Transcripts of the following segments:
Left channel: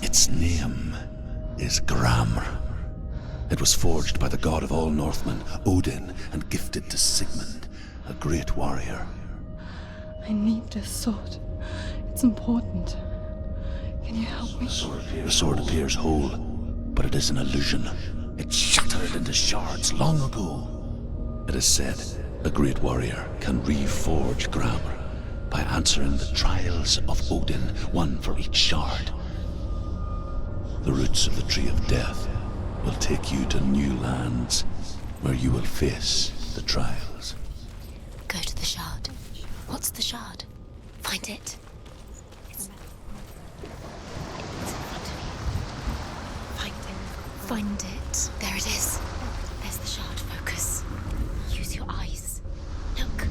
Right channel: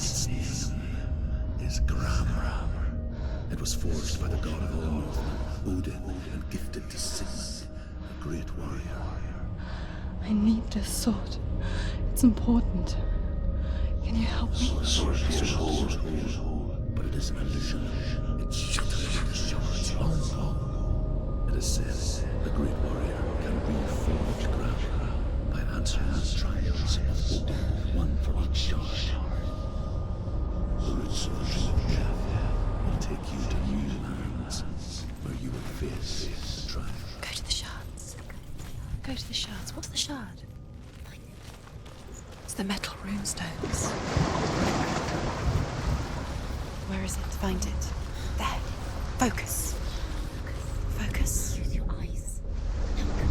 Its name is Gram. It was forged by the god of all Northmen, Odin, and gifted to Sigmund, a great warrior. I need this sword. It's important. Can you help me? The sword appears whole, but it is an illusion. It shattered into shards long ago. It is said the great warrior can reforge Gram by answering the trials of Odin, one for each shard. The roots of the tree of death will take you to new lands where you will face the trials. Go to the shards. Go to the shard. Go to the shard. What's the shard? Find it. It's the metal runestones. Find it. There it is. Focus. There's the shard. Focus. Focus. Use your eyes. Look.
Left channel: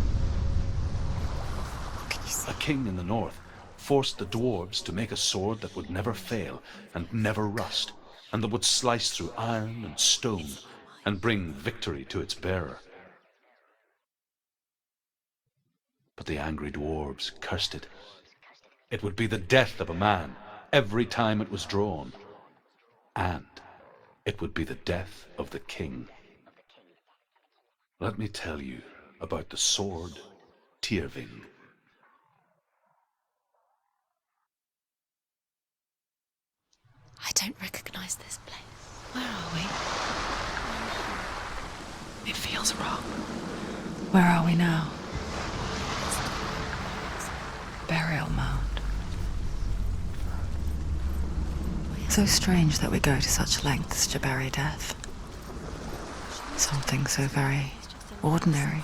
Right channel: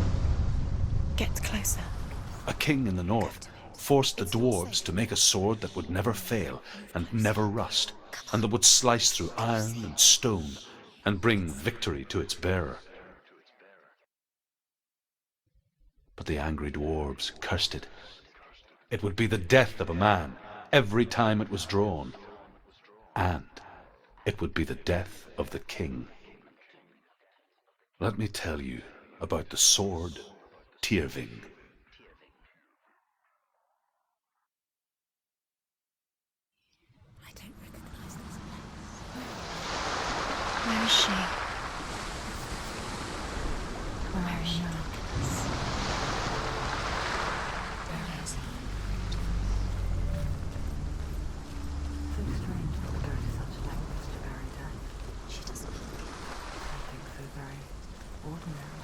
Get closer. What can you see? A king in the north forced the dwarves to make a sword that would never fail and never rust, and that would slice through iron and stone and bring victory to its bearer. But the angry dwarves cursed it. It would be the death of a man every time it was drawn, and it would be the death of the king. Let me tell you about the sword Tyrving. I don't recognize this place. Where are we? Where is she? It feels wrong. Where are we now? Burial mound. So strange that we go to such lengths to bury death. Something so very ordinary,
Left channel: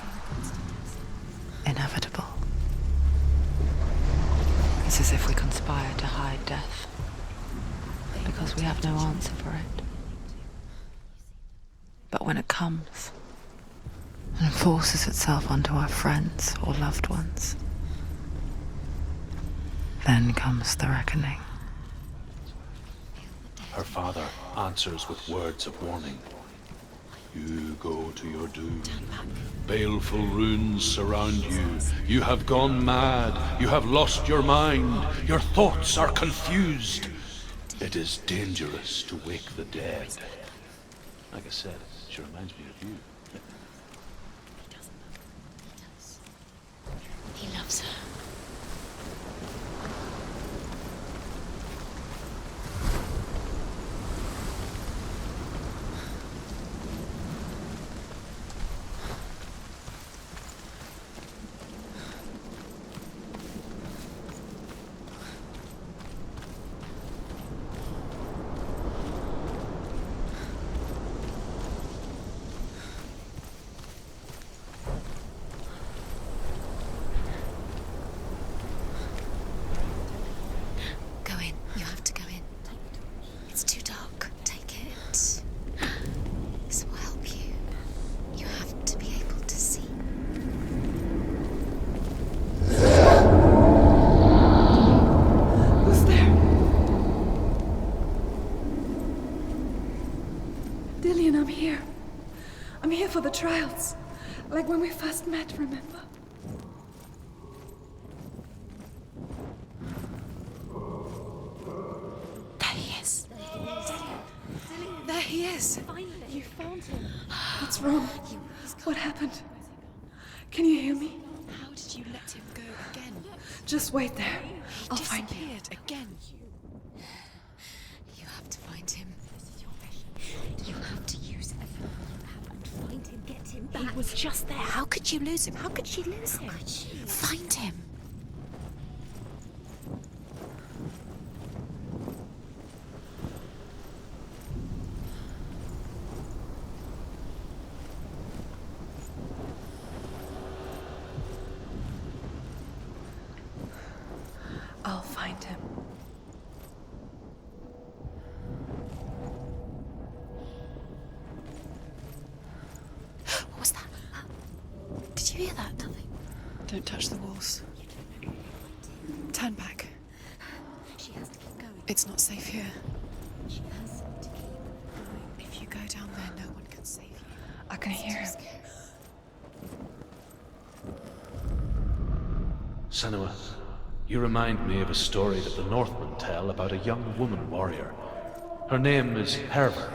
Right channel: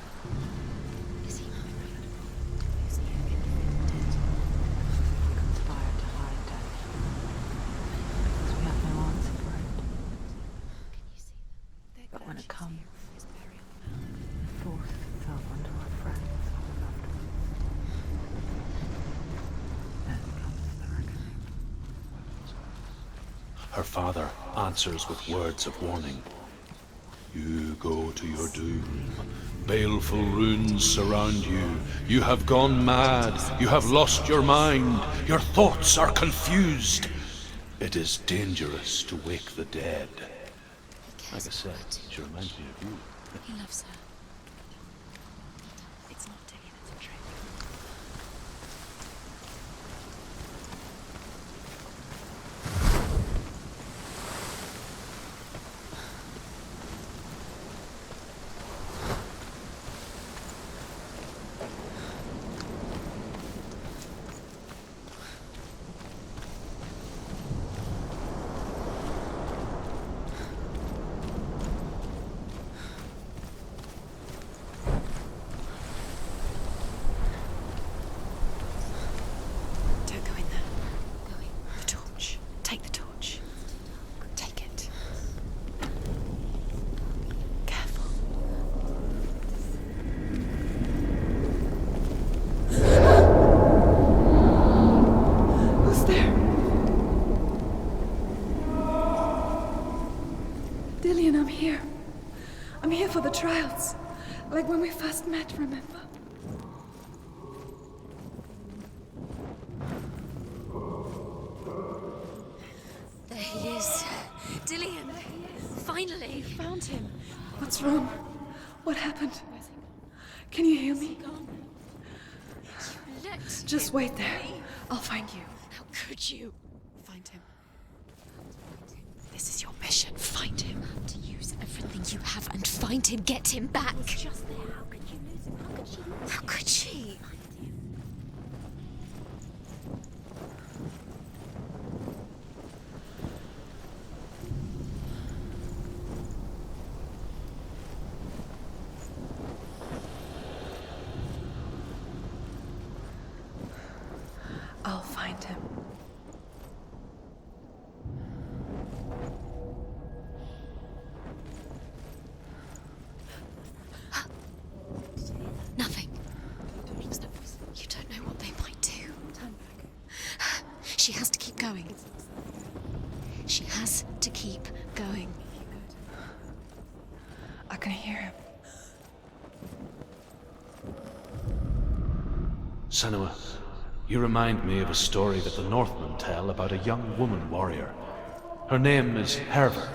inevitable. It's as if we conspired to hide death, because we have no answer for it. But when it comes and forces itself onto our friends or loved ones, then comes the reckoning. Her father answers with words of warning. You go to your doom. Baleful runes surround you. You have gone mad. You have lost your mind. Your thoughts are confused. It is dangerous to wake the dead. Like I said, she reminds me of you. He loves her. He loves her. I'm here. I'm here for the trials. Like when we first met, remember? There he is. There he is. Dillian, there he is. Finally. You found him. What's wrong? What happened? Can you hear me? How did you let him go again? Just wait there. I'll find you. How could you? Find him. You have to find him. This is your mission. Find him. You have to use everything you have and find him. Get him back. He was just there. How could you lose him? How could she lose him? How could she? Find him. can hear him. Senua, you remind me of a story that the Northmen tell about a young woman warrior. Her name is Herver,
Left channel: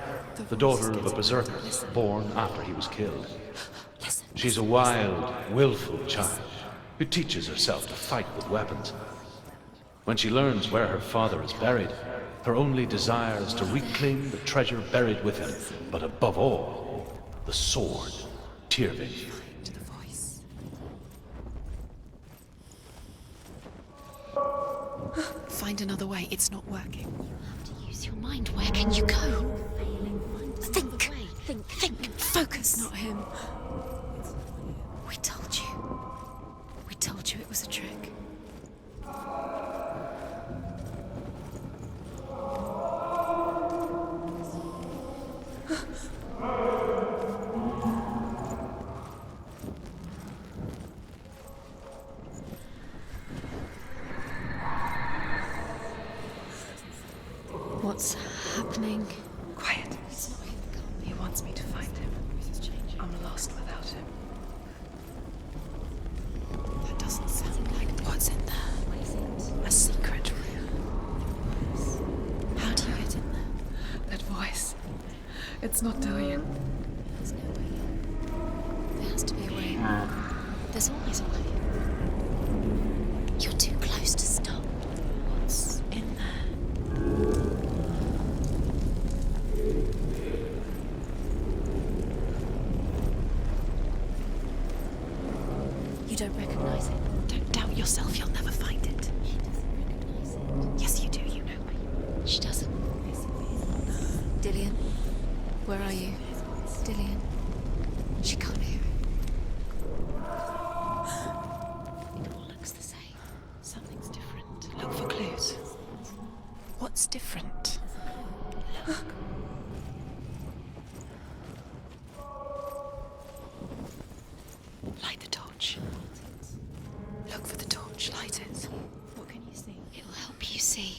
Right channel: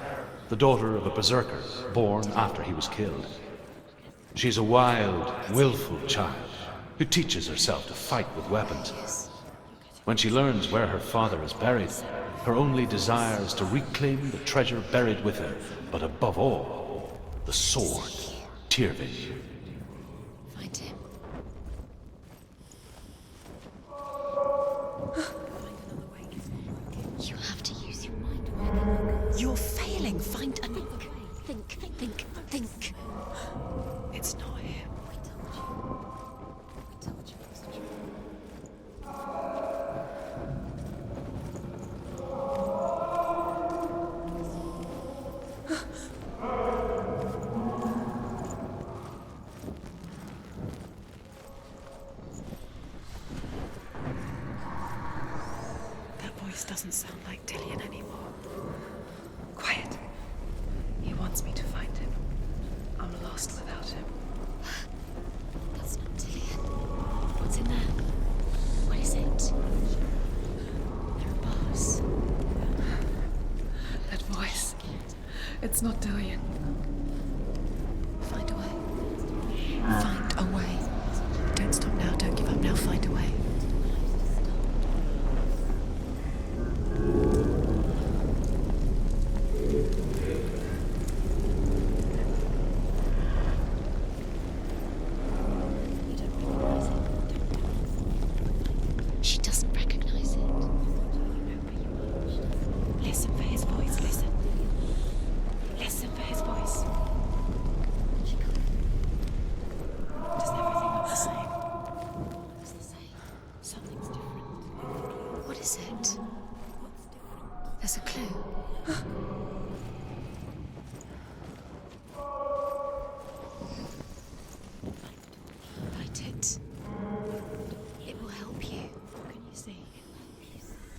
the daughter of a berserker born after he was killed. She's a wild, willful child who teaches herself to fight with weapons. When she learns where her father is buried, her only desire is to reclaim the treasure buried with him, but above all, the sword, Tyrving. Find him. Find another way. It's not working. You have to use your mind. Where can you go? You're failing. Find another way. Think. Focus. It's not him. It's not him. We told you. We told you it was a trick. Doesn't sound like Dillian. What's happening? Quiet. He wants me to find him. I'm lost without him. That's not Dillian. That doesn't sound in there. What's in there? What is it? A secret room. How do you get in there? That voice. It's not Dillian. Find a way. There has to be a way. Find a way. Don't stop now. Don't give up now. Find a way. You're too close to stop. What's in there? You don't recognize it. Don't doubt yourself. You'll never find it. She doesn't recognize it. Yes, you do. You know where you are. She doesn't. Listen for his voice. Listen. Dillian. Where are you? Listen for his voice. Dillian. She can't hear it. Does everything look the same? It all looks the same. Something's different. Look for clues. What is it? What's different? There's a clue. Light the torch. Light it. Look for the torch. Light it. What can you see? It will help you see.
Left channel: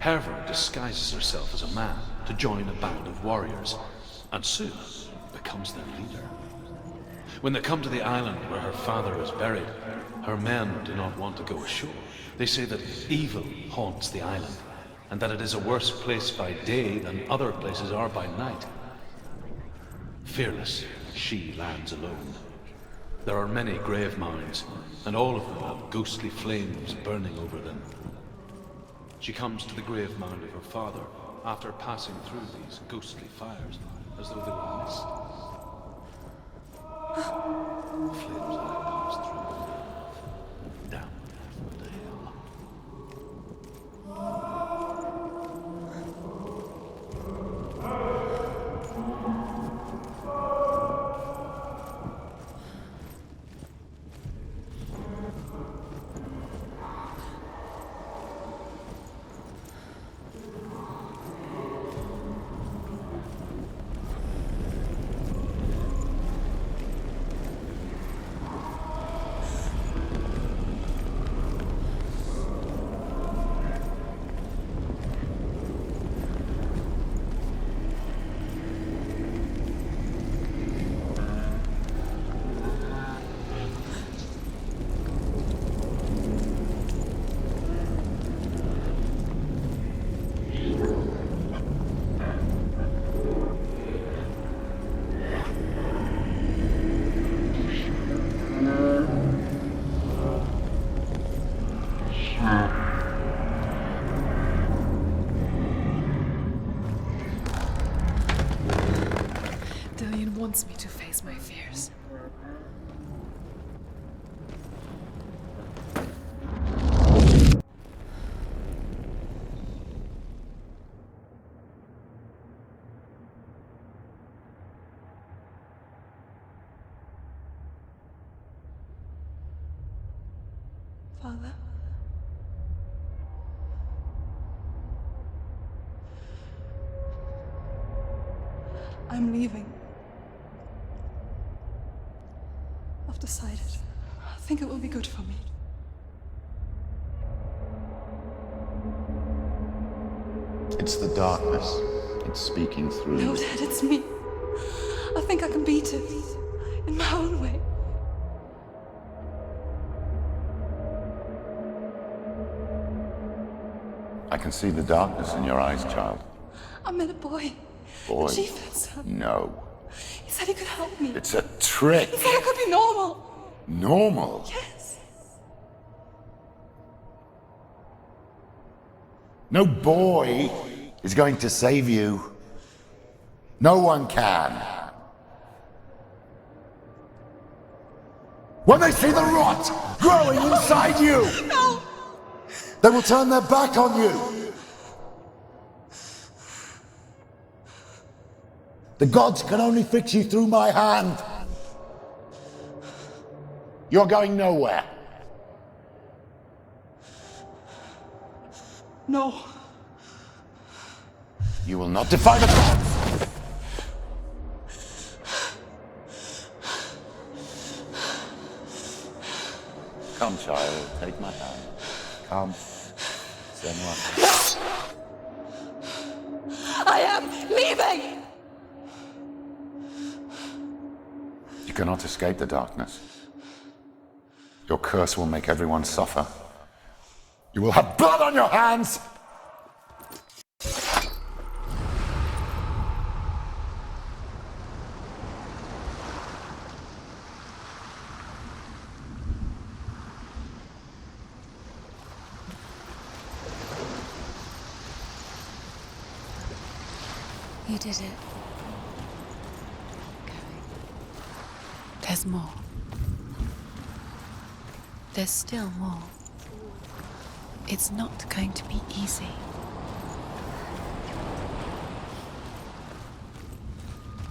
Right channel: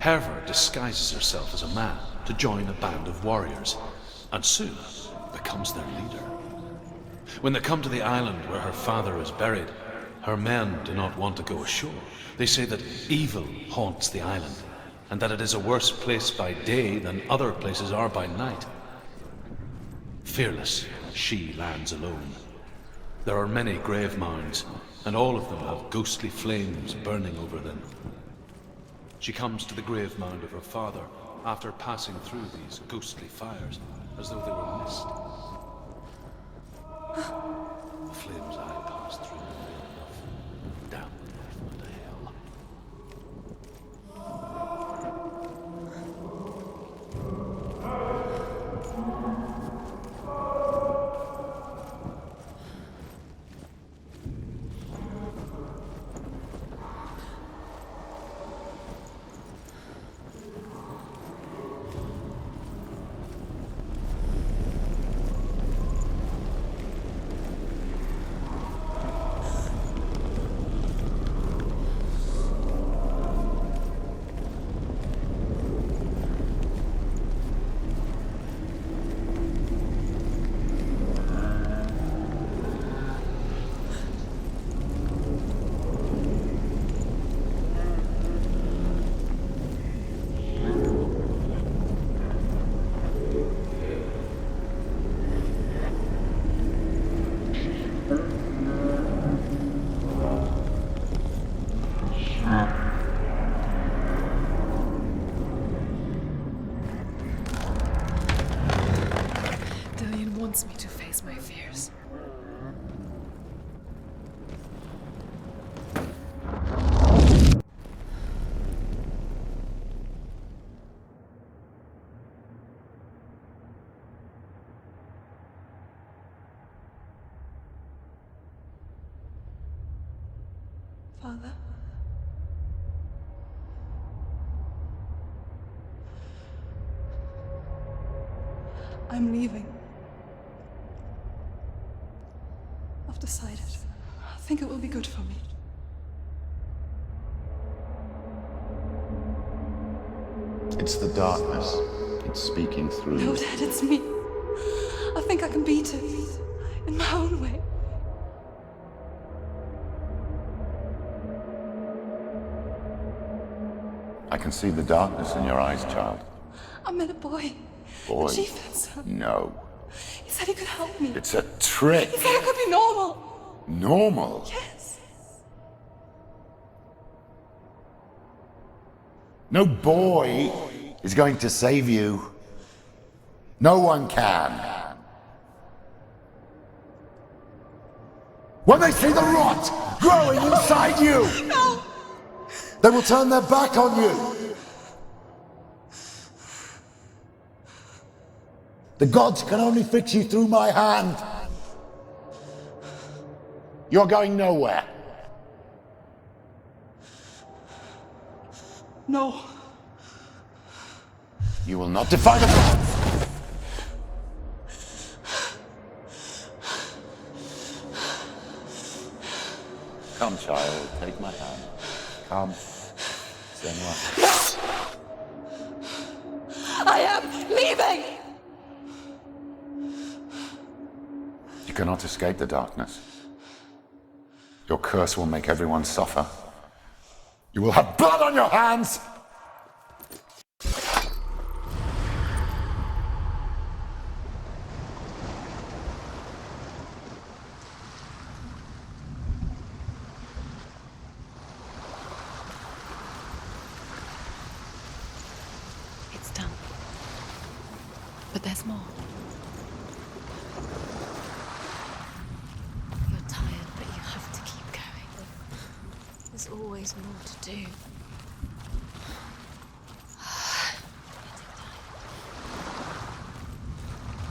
Herver disguises herself as a man to join a band of warriors, and soon becomes their leader. When they come to the island where her father is buried, her men do not want to go ashore. They say that evil haunts the island, and that it is a worse place by day than other places are by night. Fearless, she lands alone. There are many grave mounds, and all of them have ghostly flames burning over them. She comes to the grave mound of her father after passing through these ghostly fires, as though they were mist. The flames I passed through were real enough. Down into hell. Father? I'm leaving. I've decided. I think it will be good for me. It's the darkness. It's speaking through No, you. Dad, it's me. I think I can beat it. In my own way. I can see the darkness in your eyes, child. I met a boy. Boy. The chieftain's son. No. He said he could help me. It's a trick. He said I could be normal. Normal. Yes. No boy is going to save you. No one can. When they see the rot growing inside you, No! they will turn their back on you. The gods can only fix you through my hand. You're going nowhere. No. You will not defy the gods. Come, child, take my hand. Come, Senua. I am leaving! You cannot escape the darkness. Your curse will make everyone suffer. You will have blood on your hands! It's done. You did it. But there's more. There's more. You're tired, but you have to keep going. There's still more. There's always more to do. It's not going to be easy.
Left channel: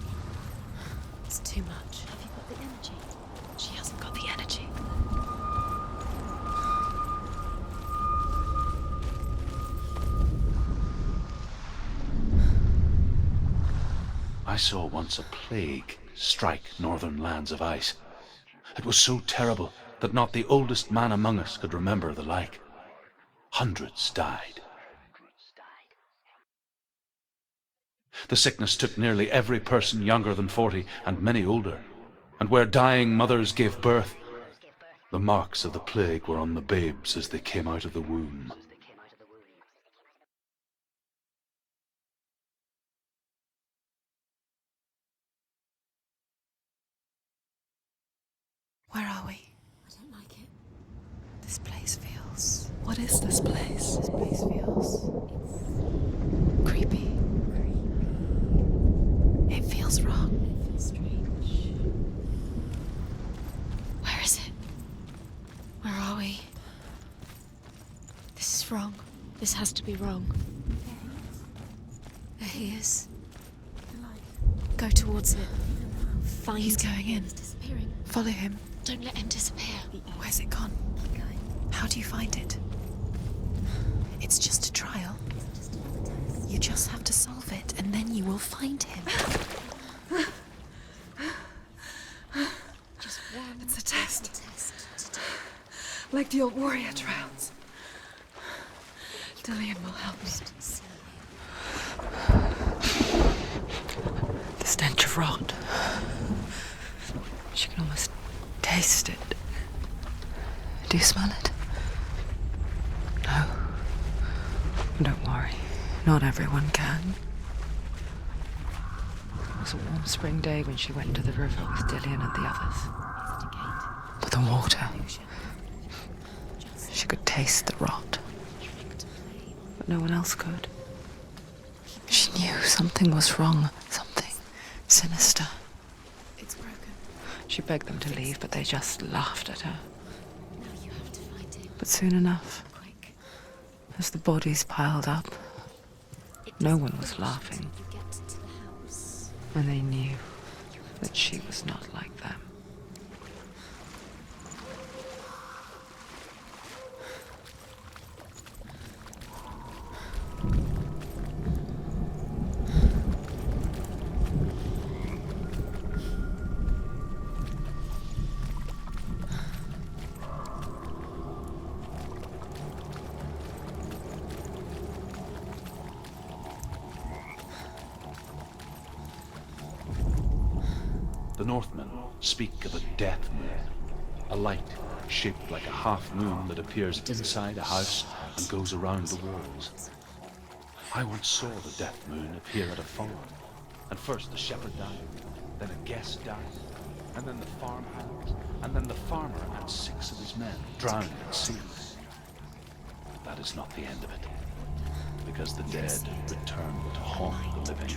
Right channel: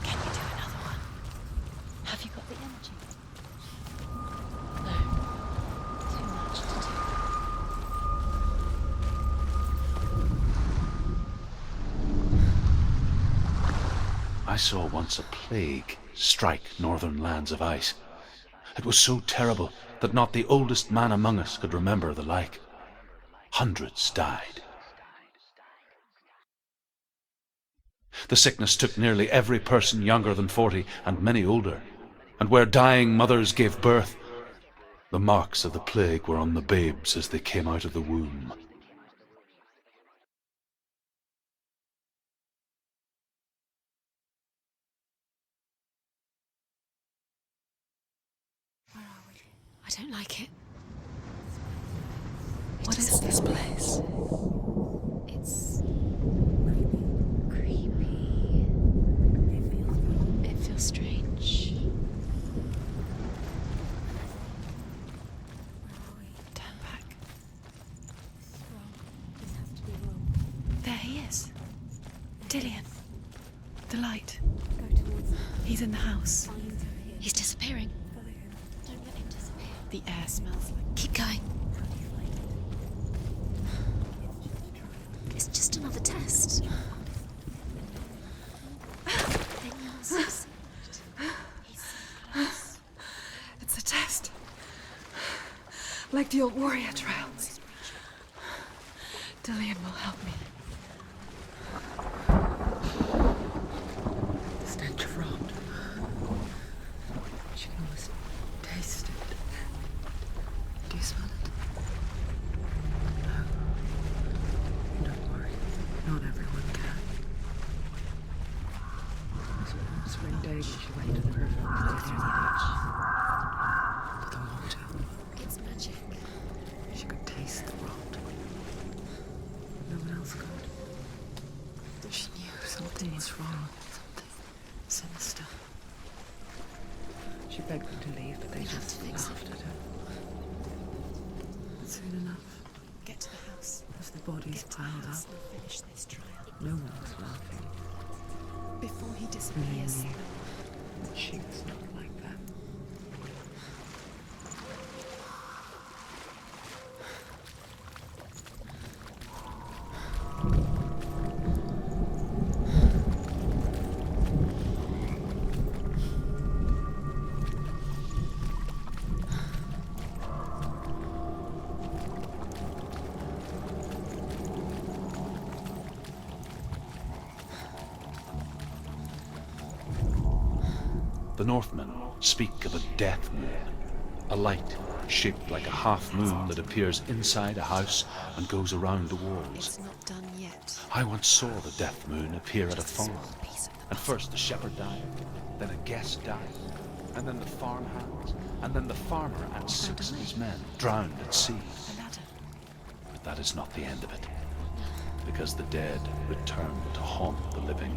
Can you do another one? It's too much. Have you got the energy? She hasn't got the energy. Too much to do. I saw once a plague strike northern lands of ice. It was so terrible that not the oldest man among us could remember the like. Hundreds died. The sickness took nearly every person younger than 40 and many older, and where dying mothers gave birth, the marks of the plague were on the babes as they came out of the womb. Where are we? I don't like it. This place feels... What is this place? This place feels... It's... creepy. Creepy. It feels wrong. It feels strange. Where is it? Where are we? Turn back. This is wrong. This has to be wrong. There he is. There he is. The light. Go towards him. He's in the house. Find He's going in. He's disappearing. Follow him. Don't let him disappear. The air Where's it smells. gone? Keep going. How do you find it? It's just a trial. It's just another test. You just have to solve it, and then you will find him. It's a test. Like the old warrior trials. Dillian will help me. The stench of rot. She can almost taste it. Do you smell it? No. Don't worry. Not everyone can. It was a warm spring day when she went to the river with Dillian and the others. But the water... She could taste the rot. But no one else could. She knew something was wrong. Something sinister. It's broken. She begged them to leave, but they just laughed at her. But soon enough, Get to the house. as the bodies piled up, no one was laughing. And they knew that she was not like them. The Northmen speak of a death moon, a light shaped like a half moon that appears inside a house and goes around the walls. I once saw the death moon appear at a farm, and first the shepherd died, then a guest died, and then the farmhands, and then the farmer and 6 of his men drowned at sea. But that is not the end of it, because the dead return to haunt the living.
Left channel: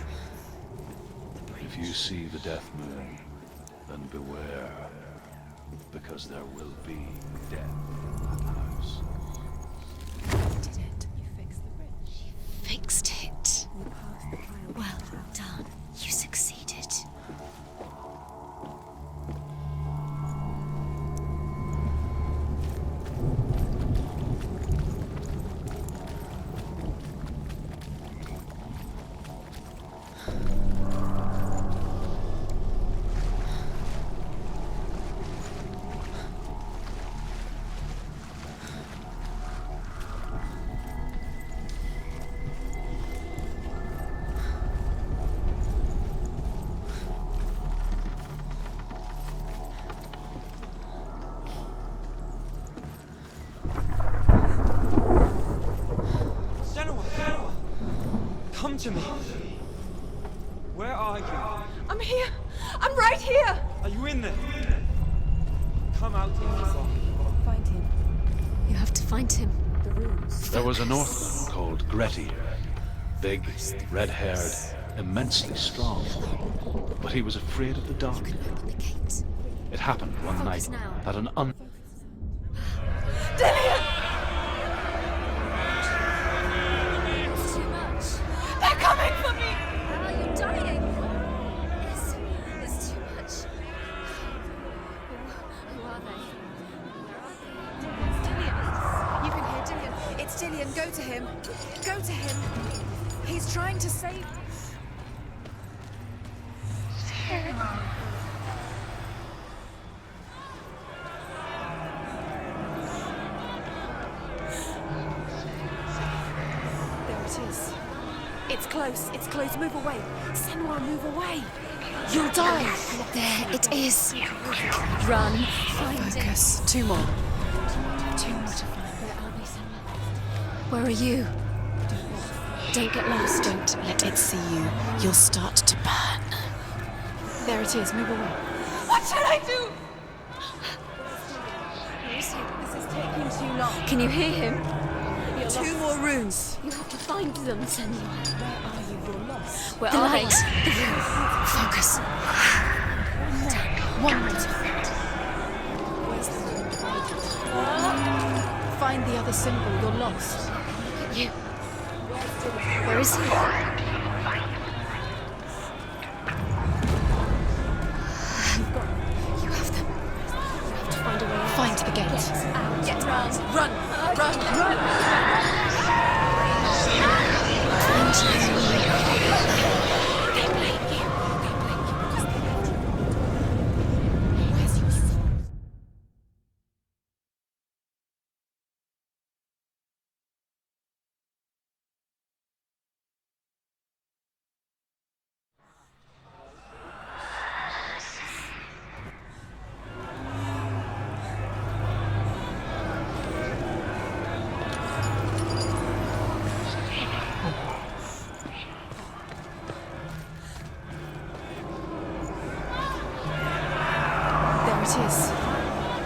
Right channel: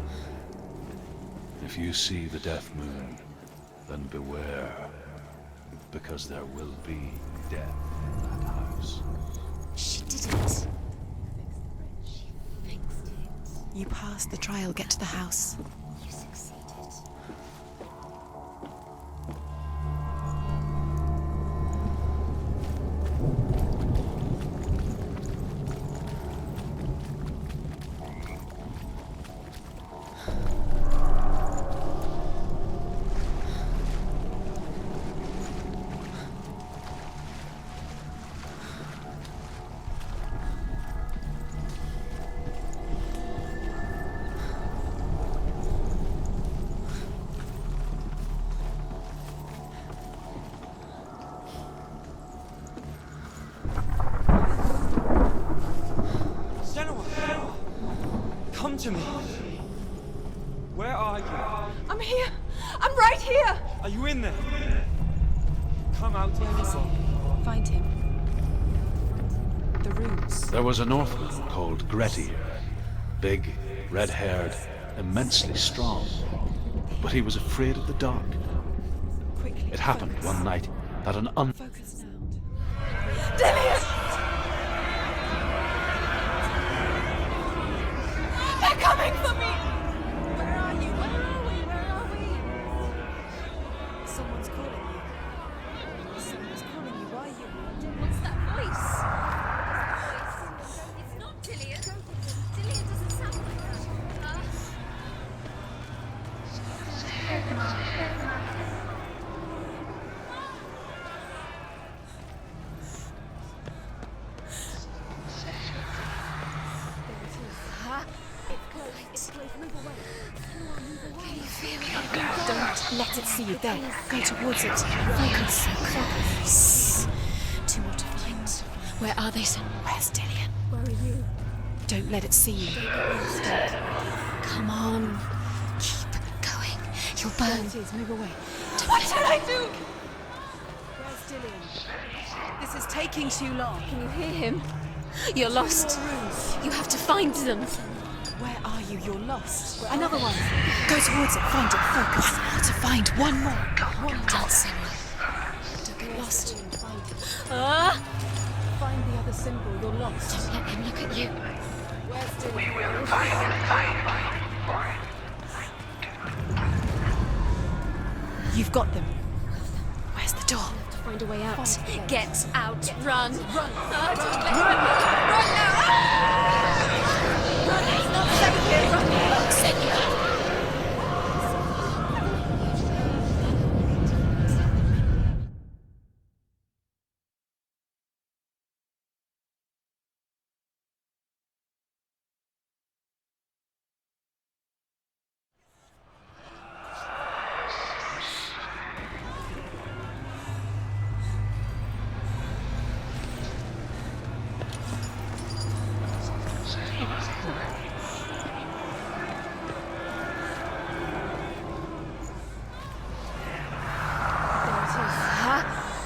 If you see the death moon, then beware, because there will be death in that house. She fixed it. She fixed it. You passed the trial, get to the house. You succeeded. Senua! Come to me! Where are you? I'm here! I'm right here! Are you in there? Come out if you are. Find him. You have to find him. The runes. There was a Northman called Grettir, big, red-haired, immensely strong, but he was afraid of the dark. It happened one night that an Dillian! They're coming for me! It's Dillian, go to him. Dillian, go to him. He's trying to save us. It's close, move away. Senua, move away. You'll die. Let it see. It is. Go towards it. Run. Focus. 2 more. 2 more to find. Where are they, Senua? Where's Dillian? Where are you? Don't let it see you. Don't get lost. Don't let it see you. You'll start to burn. Going. You'll burn. There it is, move away. What should I do? This is taking too long. Can you hear him? You're 2 lost. more rooms. You have to find them, Senua. Where are you? You're lost. Where are they? Go towards it. Find us. To find one more. One more. Find the other symbol. You're lost. Let him look at you. Where is he? You've got them. You have them. Where's the door? To find a way out. Find the gate. Get out. Run. Run. Run.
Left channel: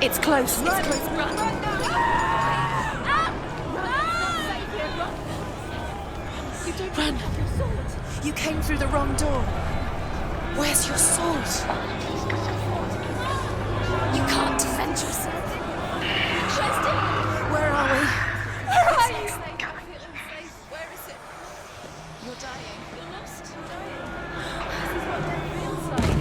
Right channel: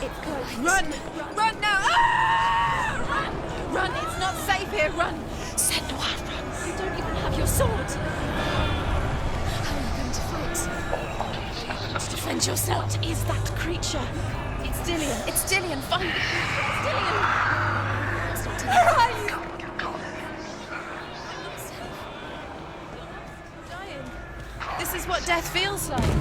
It's close. Run! Run now! Run! It's not safe here. Run! Senua, run. You don't run. Have your sword. You came through the wrong door. Where's your sword? Defend yourself. What is that creature? You can't defend yourself. It's Dillian. Find the creature. It's Dillian. Where are we? Where are you? This is what death feels like.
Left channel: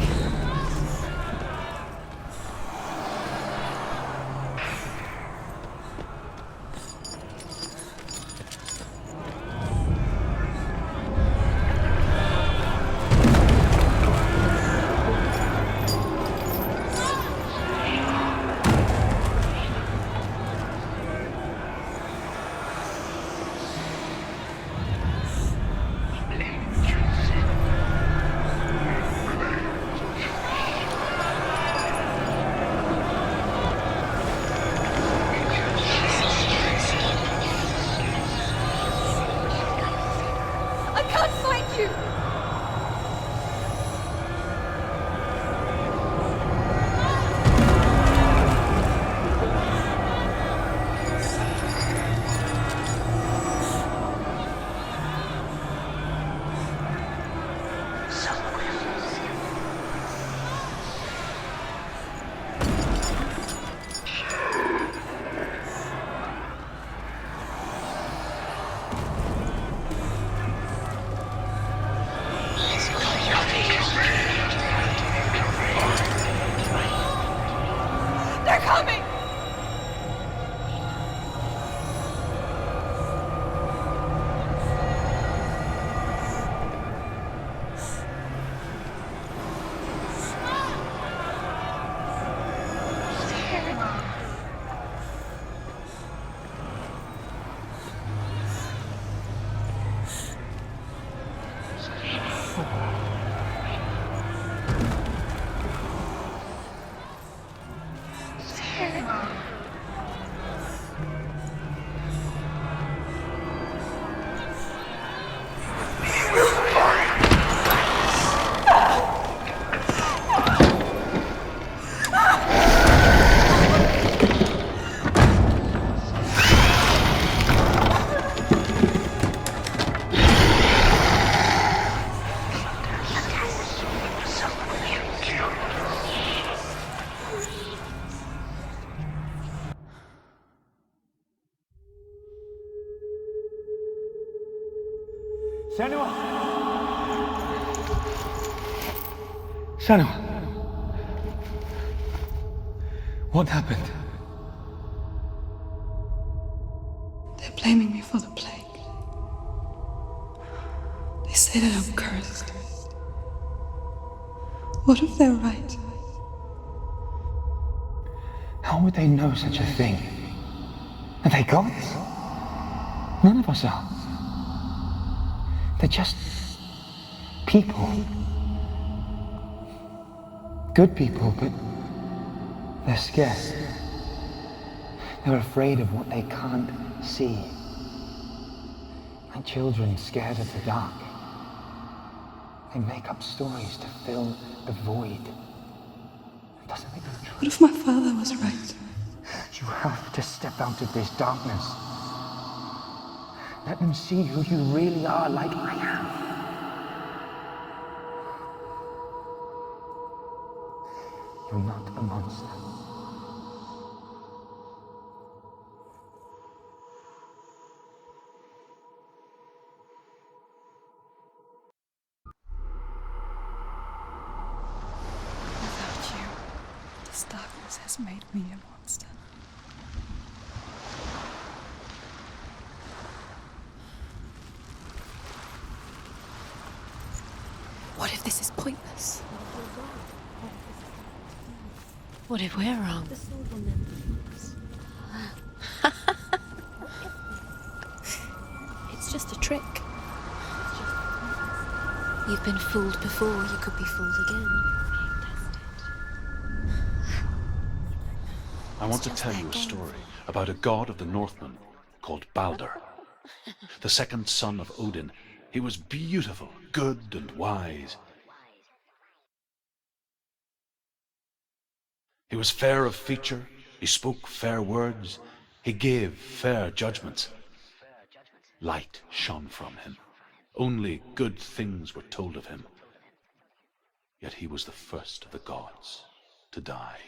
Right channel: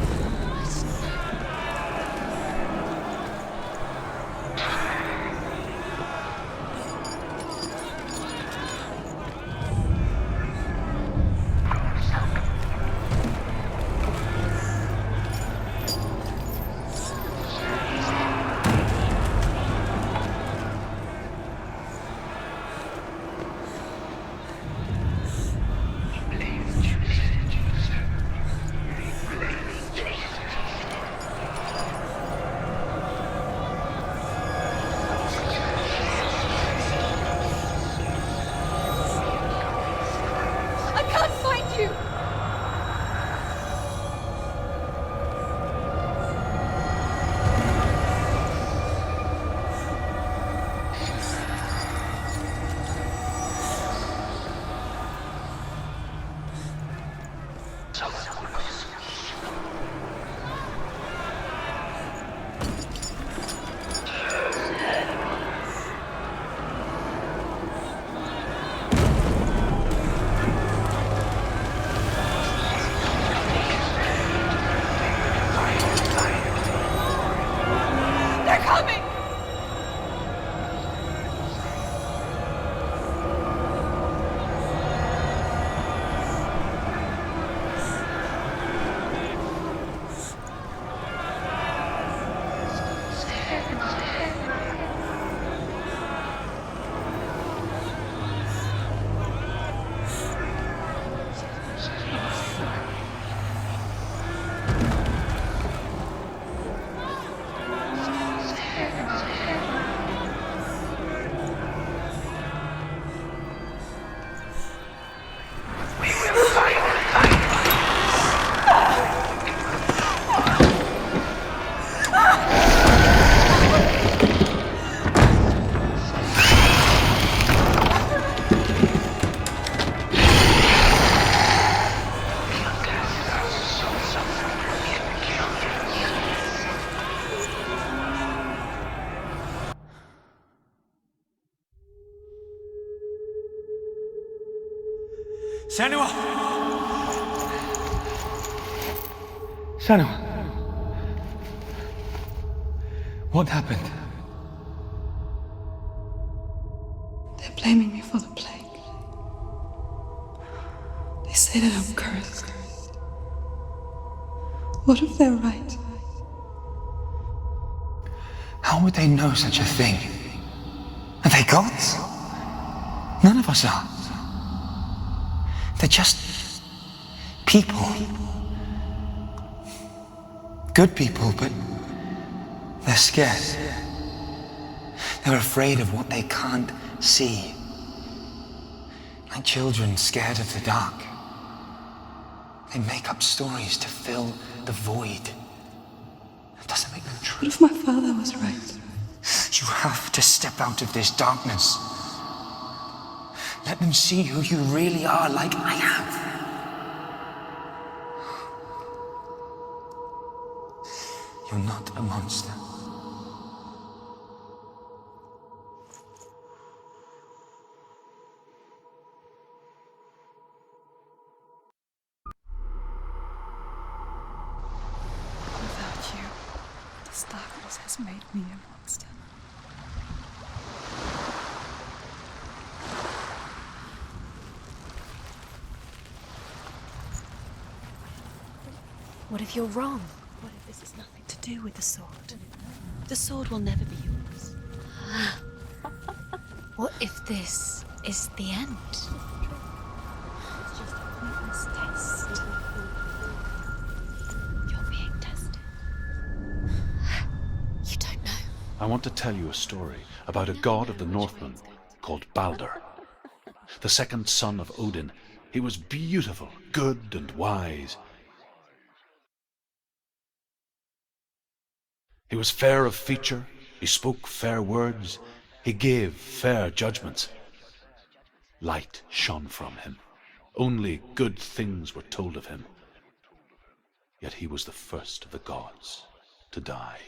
Senua! Senua! What happened? They're blaming me for the plague. They say that I'm cursed. What if they're right? How would they know such a thing? Are they gods? None of us are. They're just people. Good people, but they're scared. They're afraid of what they can't see. Like children scared of the dark. They make up stories to fill the void. That doesn't make them true. What if my father was right? You have to step out of this darkness. Let them see who you really are, like I have. You're not a monster. Without you, this darkness has made me a monster. What if this is pointless? What if you're wrong? What if this has nothing to do with the sword? What if we're wrong? The sword will never be yours. What if this is the end? It's just a trick. It's just a pointless test. You've been fooled before, you could be fooled again. You're being tested. You don't know. I want to tell you a story about a god of the Northmen called Balder, the second son of Odin. He was beautiful, good, and wise. He was fair of feature, he spoke fair words, he gave fair judgments. Light shone from him. Only good things were told of him. Yet he was the first of the gods to die.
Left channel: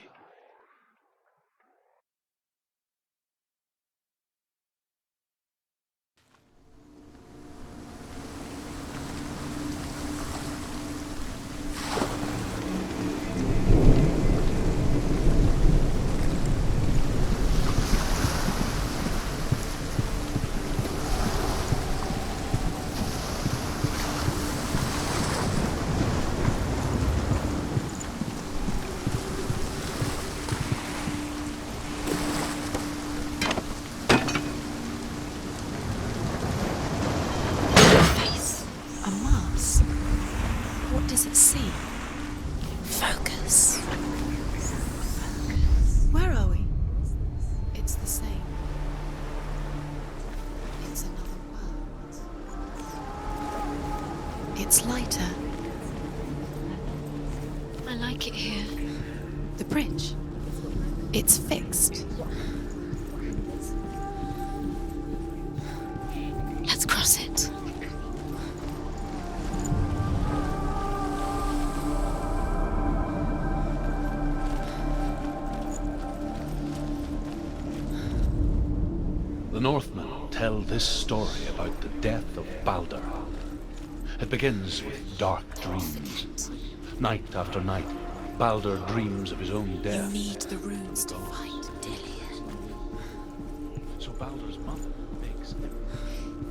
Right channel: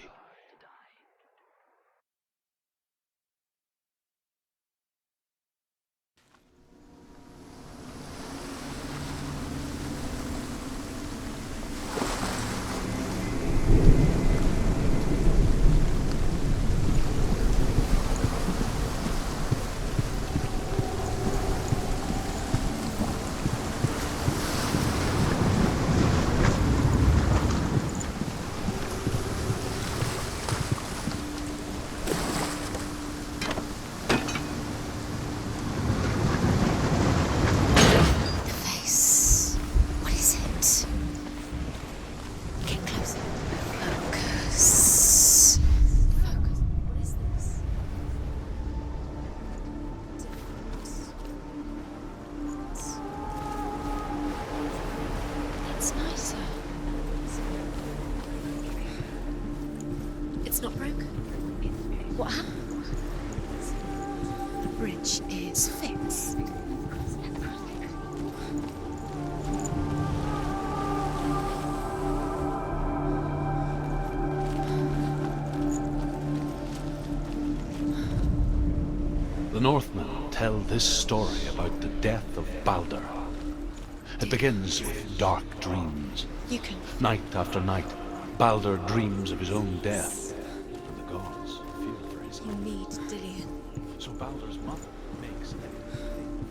It's lighter. It's nicer. I like it here. The bridge. It's not broken. It's fixed. What happened? The bridge is fixed. Let's cross it. The Northmen tell this story about the death of Balder. It begins with dark dreams. You can Night after night, Balder dreams of his own death. need the runes to fight Dillion. You need Dillion. So Balder's mother makes him.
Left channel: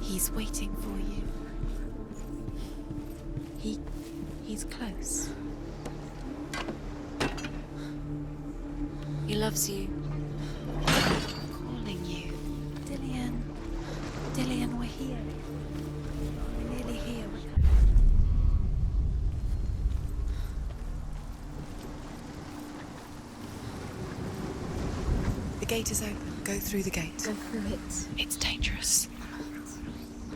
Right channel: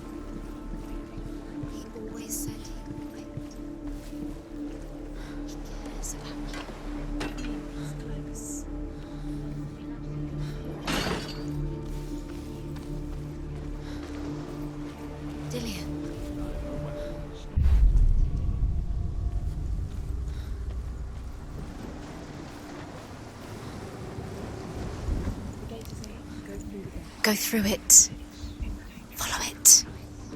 He's waiting for you. He always said he's close. Close. He loves you. Calling you. Dillion. Dillion, we're here. Dillion. Really here. The gate is open. Go through the gate. Go through it. It's dangerous. Follow it.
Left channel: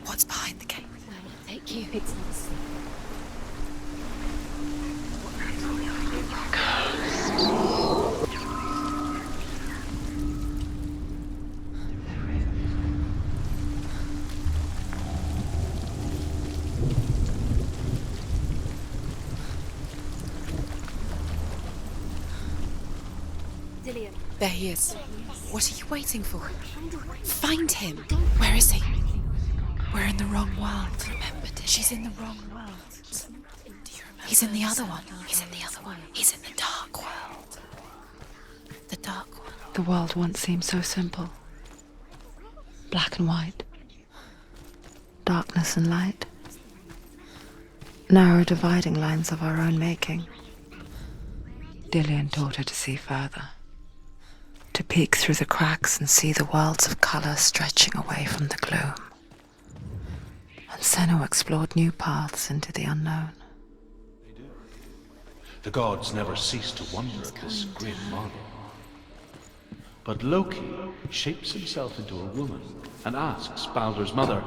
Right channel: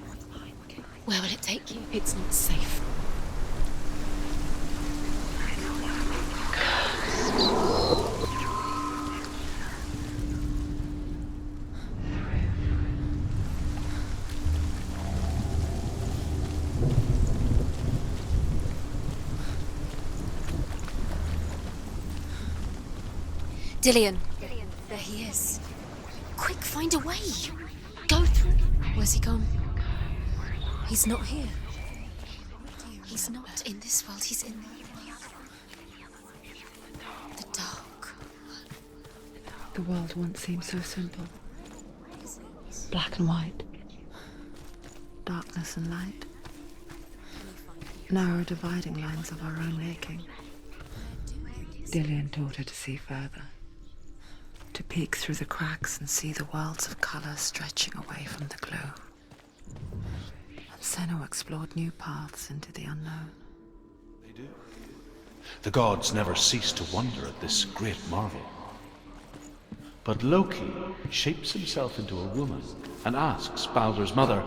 What's behind the gate? Where will it take you? It's not safe. Dillian, There he is. There he is. what are you waiting for? Quick, find a way. Find him. Go. Where is he? Where's he gone? We're in the wrong world. He's not here. She's in the wrong world. He's not in this world. He's in the other one. He's in the other one. He's in the dark world. The dark. The dark world. The world once seemed so simple. Black and white. Darkness and light. Narrow dividing lines of our own making. Dillian taught her to see further. To peek through the cracks and see the worlds of colour stretching away from the gloom. And Senua explored new paths into the unknown. They do. The gods never cease to wonder at this great marvel. But Loki shapes himself into a woman and asks Baldur's mother,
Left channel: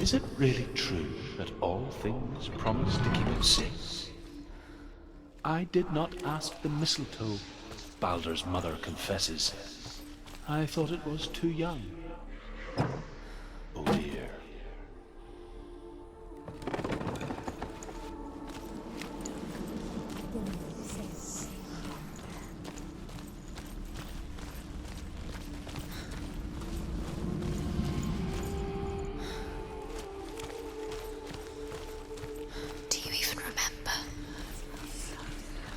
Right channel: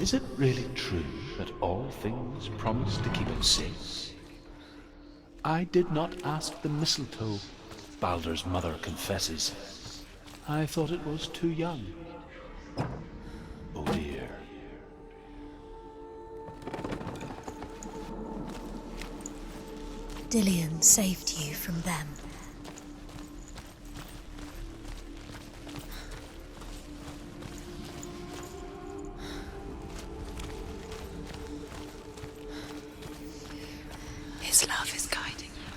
is it really true that all things promise to keep him safe? I did not ask the mistletoe, Baldur's mother confesses. I thought it was too young. Oh dear. Dillian saved you from them. Do you even remember? His love is guiding you.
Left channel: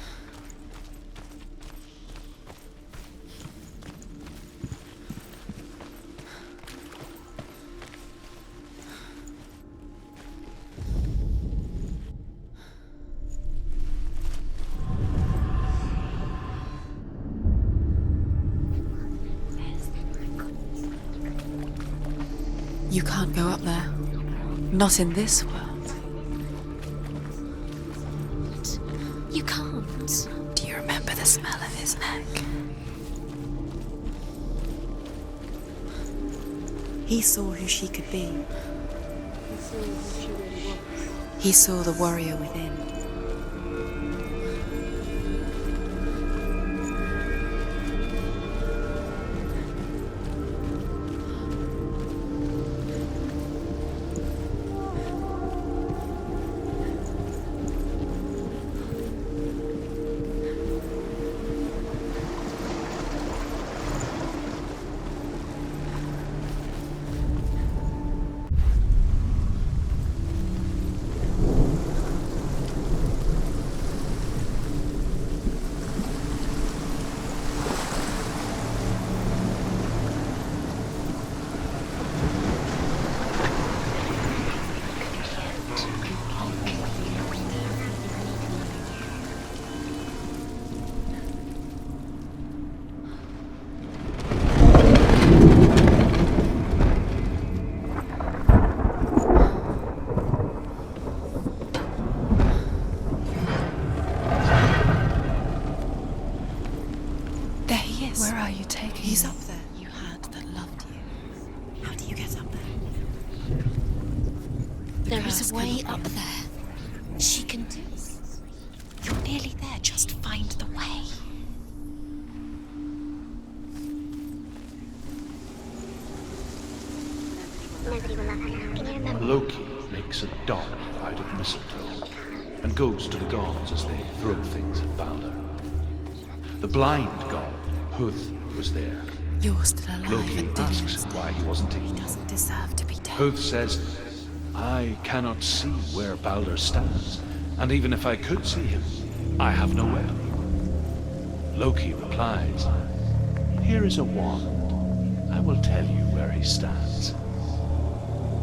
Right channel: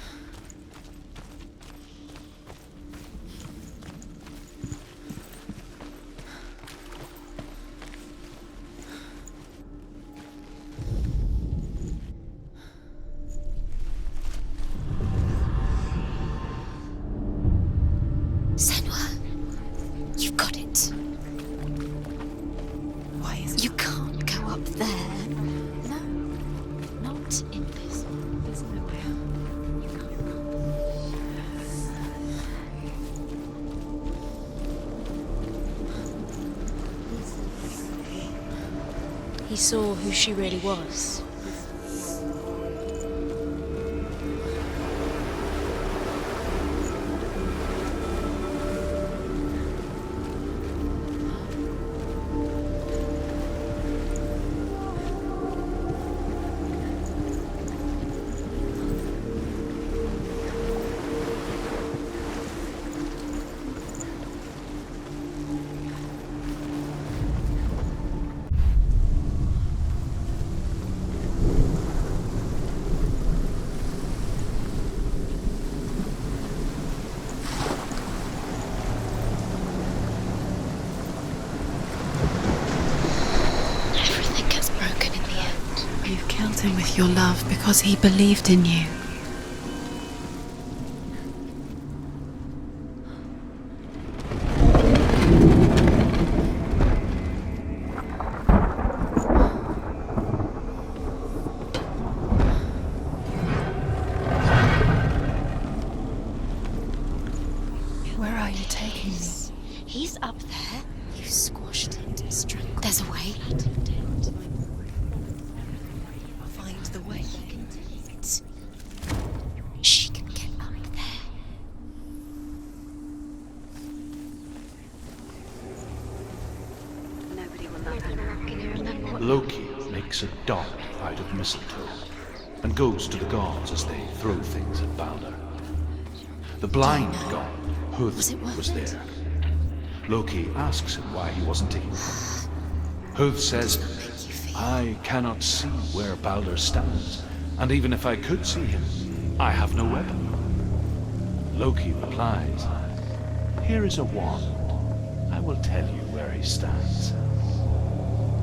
Senua, you've got it. You can't go up You there. can't go up. Not in this world. Not in this world. You can't. Do you remember the smell of his neck? He saw who she could be. He saw who she really was. He saw the warrior within. Everything gets broken in the end. You killed him with your love because he believed in you. There he is. Where are you taking him? He's up there. You squash it. You get straight. There's a way. There is a way up there. Find the way. She can do it. You're nearly there. She can find the way. Loki makes a doll out of mistletoe and goes to the gods as they throw things at Baldur. The blind god, Huth, was there. You're still alive. Loki asks him why he wasn't taking him. Deserve to be dead. Huth says, I cannot see where Baldur stands, and even if I could see him, I have no weapon. Loki replies, here is a wand. I will tell you where he stands.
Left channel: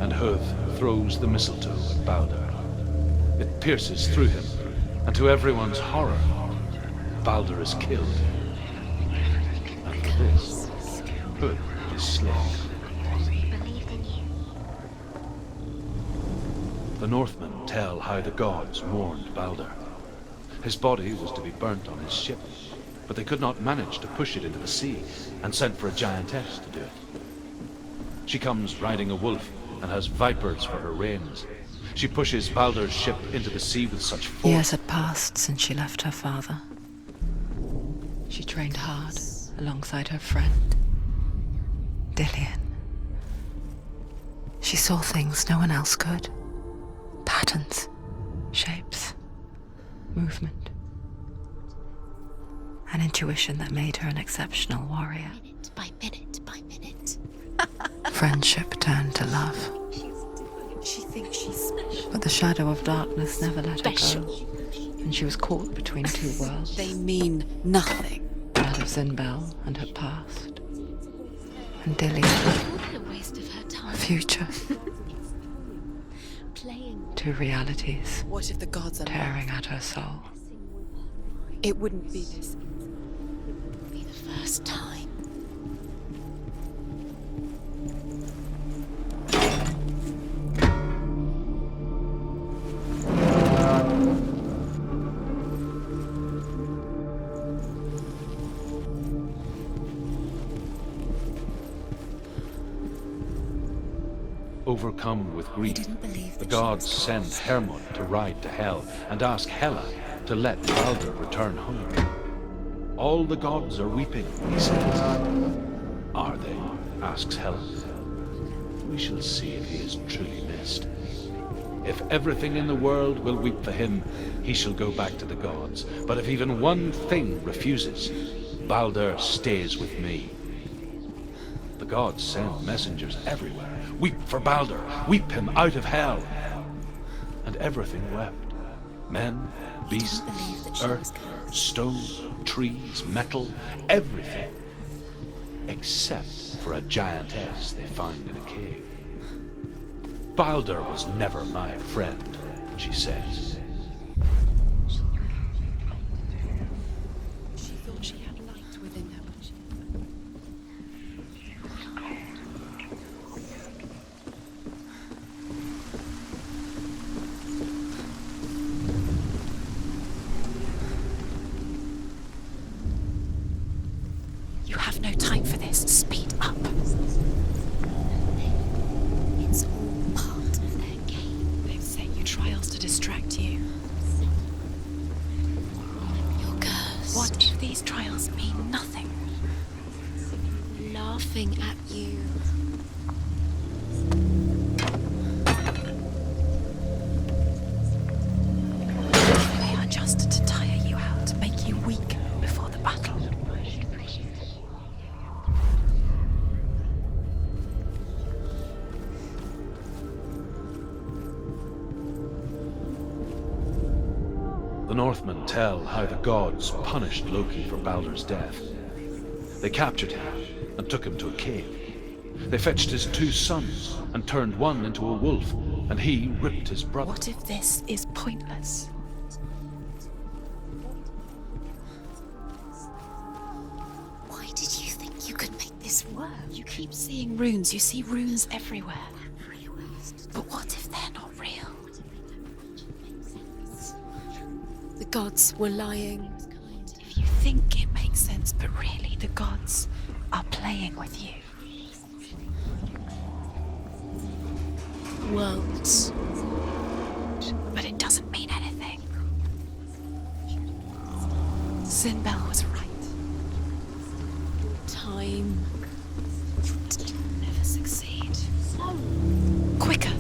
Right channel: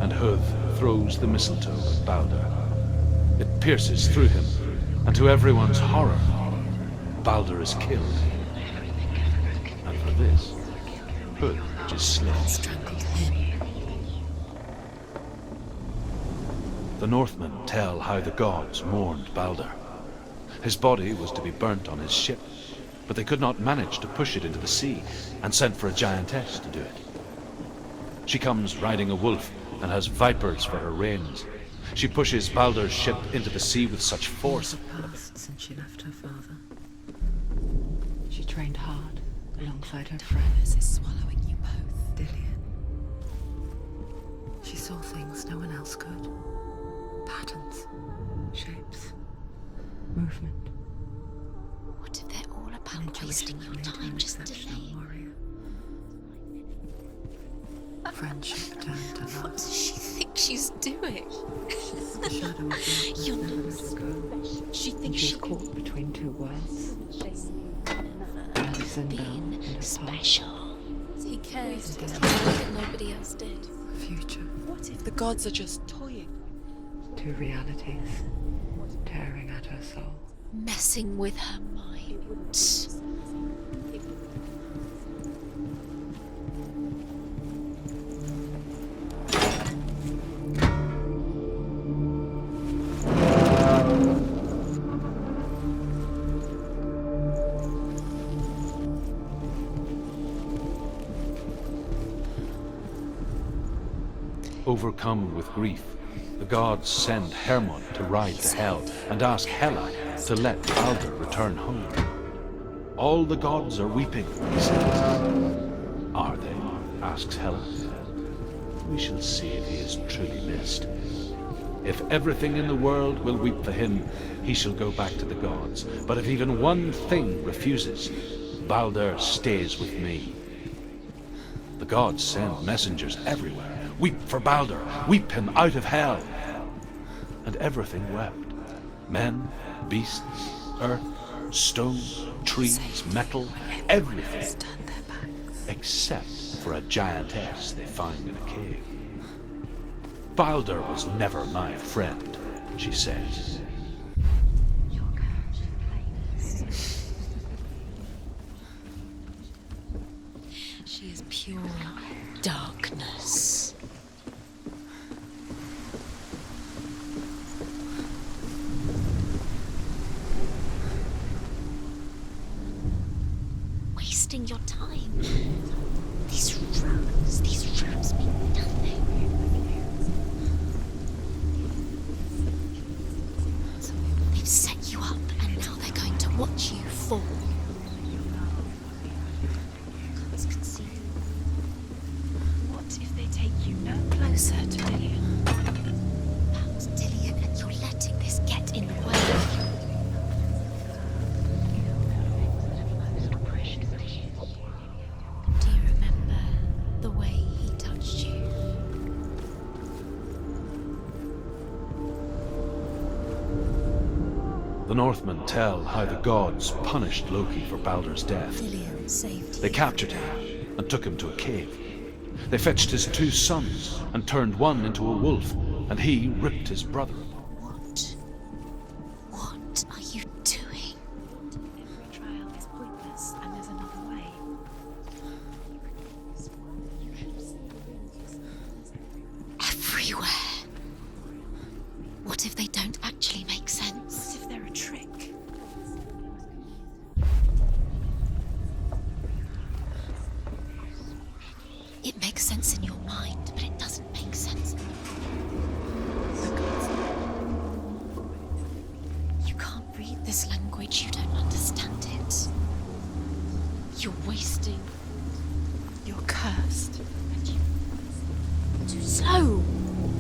And Huth throws the mistletoe at Baldur. It pierces through him, and to everyone's horror, Baldur is killed. And for this, Huth is slain. The Northmen tell how the gods mourned Baldur. His body was to be burnt on his ship, but they could not manage to push it into the sea, and sent for a giantess to do it. She comes riding a wolf and has vipers for her reins. She pushes Baldur's ship into the sea with such Years force. had passed since she left her father. She trained hard alongside her friends, Dillian. She saw things no one else could. Patterns, shapes, movement. What if they're all a An intuition that made her an exceptional warrior. By minute by minute. Friendship turned to love. She thinks she's doing. But the shadow of darkness never let her go. And she was caught between two worlds. They mean nothing. That of Zinbel and her past. He cares. And Dillian, Nobody else did her time. her future. The gods are just toying, Playing, Two realities what if the gods are tearing at her soul. messing with her. It wouldn't be this. Be the first time. Overcome with grief, the gods send Hermod to ride to Hell and ask Hela to let Baldur return home. All the gods are weeping, he says. Are they? Asks Hela. We shall see if he is truly missed. If everything in the world will weep for him, he shall go back to the gods. But if even one thing refuses, Baldur stays with me. The gods send messengers everywhere. Weep for Baldur, weep him out of Hell. And everything wept. Men, beasts, earth, stone, trees, metal, everything. Except for a giantess they find in a cave. Baldur was never my friend, she says. She is pure darkness. Wasting your time. You have no time for this. Speed These up. rules mean nothing. It's all part of their game. They've set you trials to distract you. They've set you up, and now they're going to watch you. What if these trials mean nothing? Laughing at you. What if they take you no closer to Dillian? Dillian, and you're letting this get in your way. They are just to tire you out, to make you weak before the battle. Do you remember the way he touched you? The Northmen tell how the gods punished Loki for Baldur's death. Dillian saved They captured him and took him to a cave. They fetched his two sons and turned one into a wolf, and he ripped his brother. What if this is pointless? What are you doing? Why did you think you could make this work? You keep seeing runes. You see runes everywhere. Everywhere. What if they're not real? What if they don't actually make sense? What if they're a trick? The gods were lying. If you think it makes sense, but really the gods are playing with you. It makes sense in your mind, but it doesn't make sense. Worlds. But it doesn't mean anything. You can't read this language. You don't understand Zinbel it. was right. You're wasting time. You're cursed. Never succeed. So Quicker!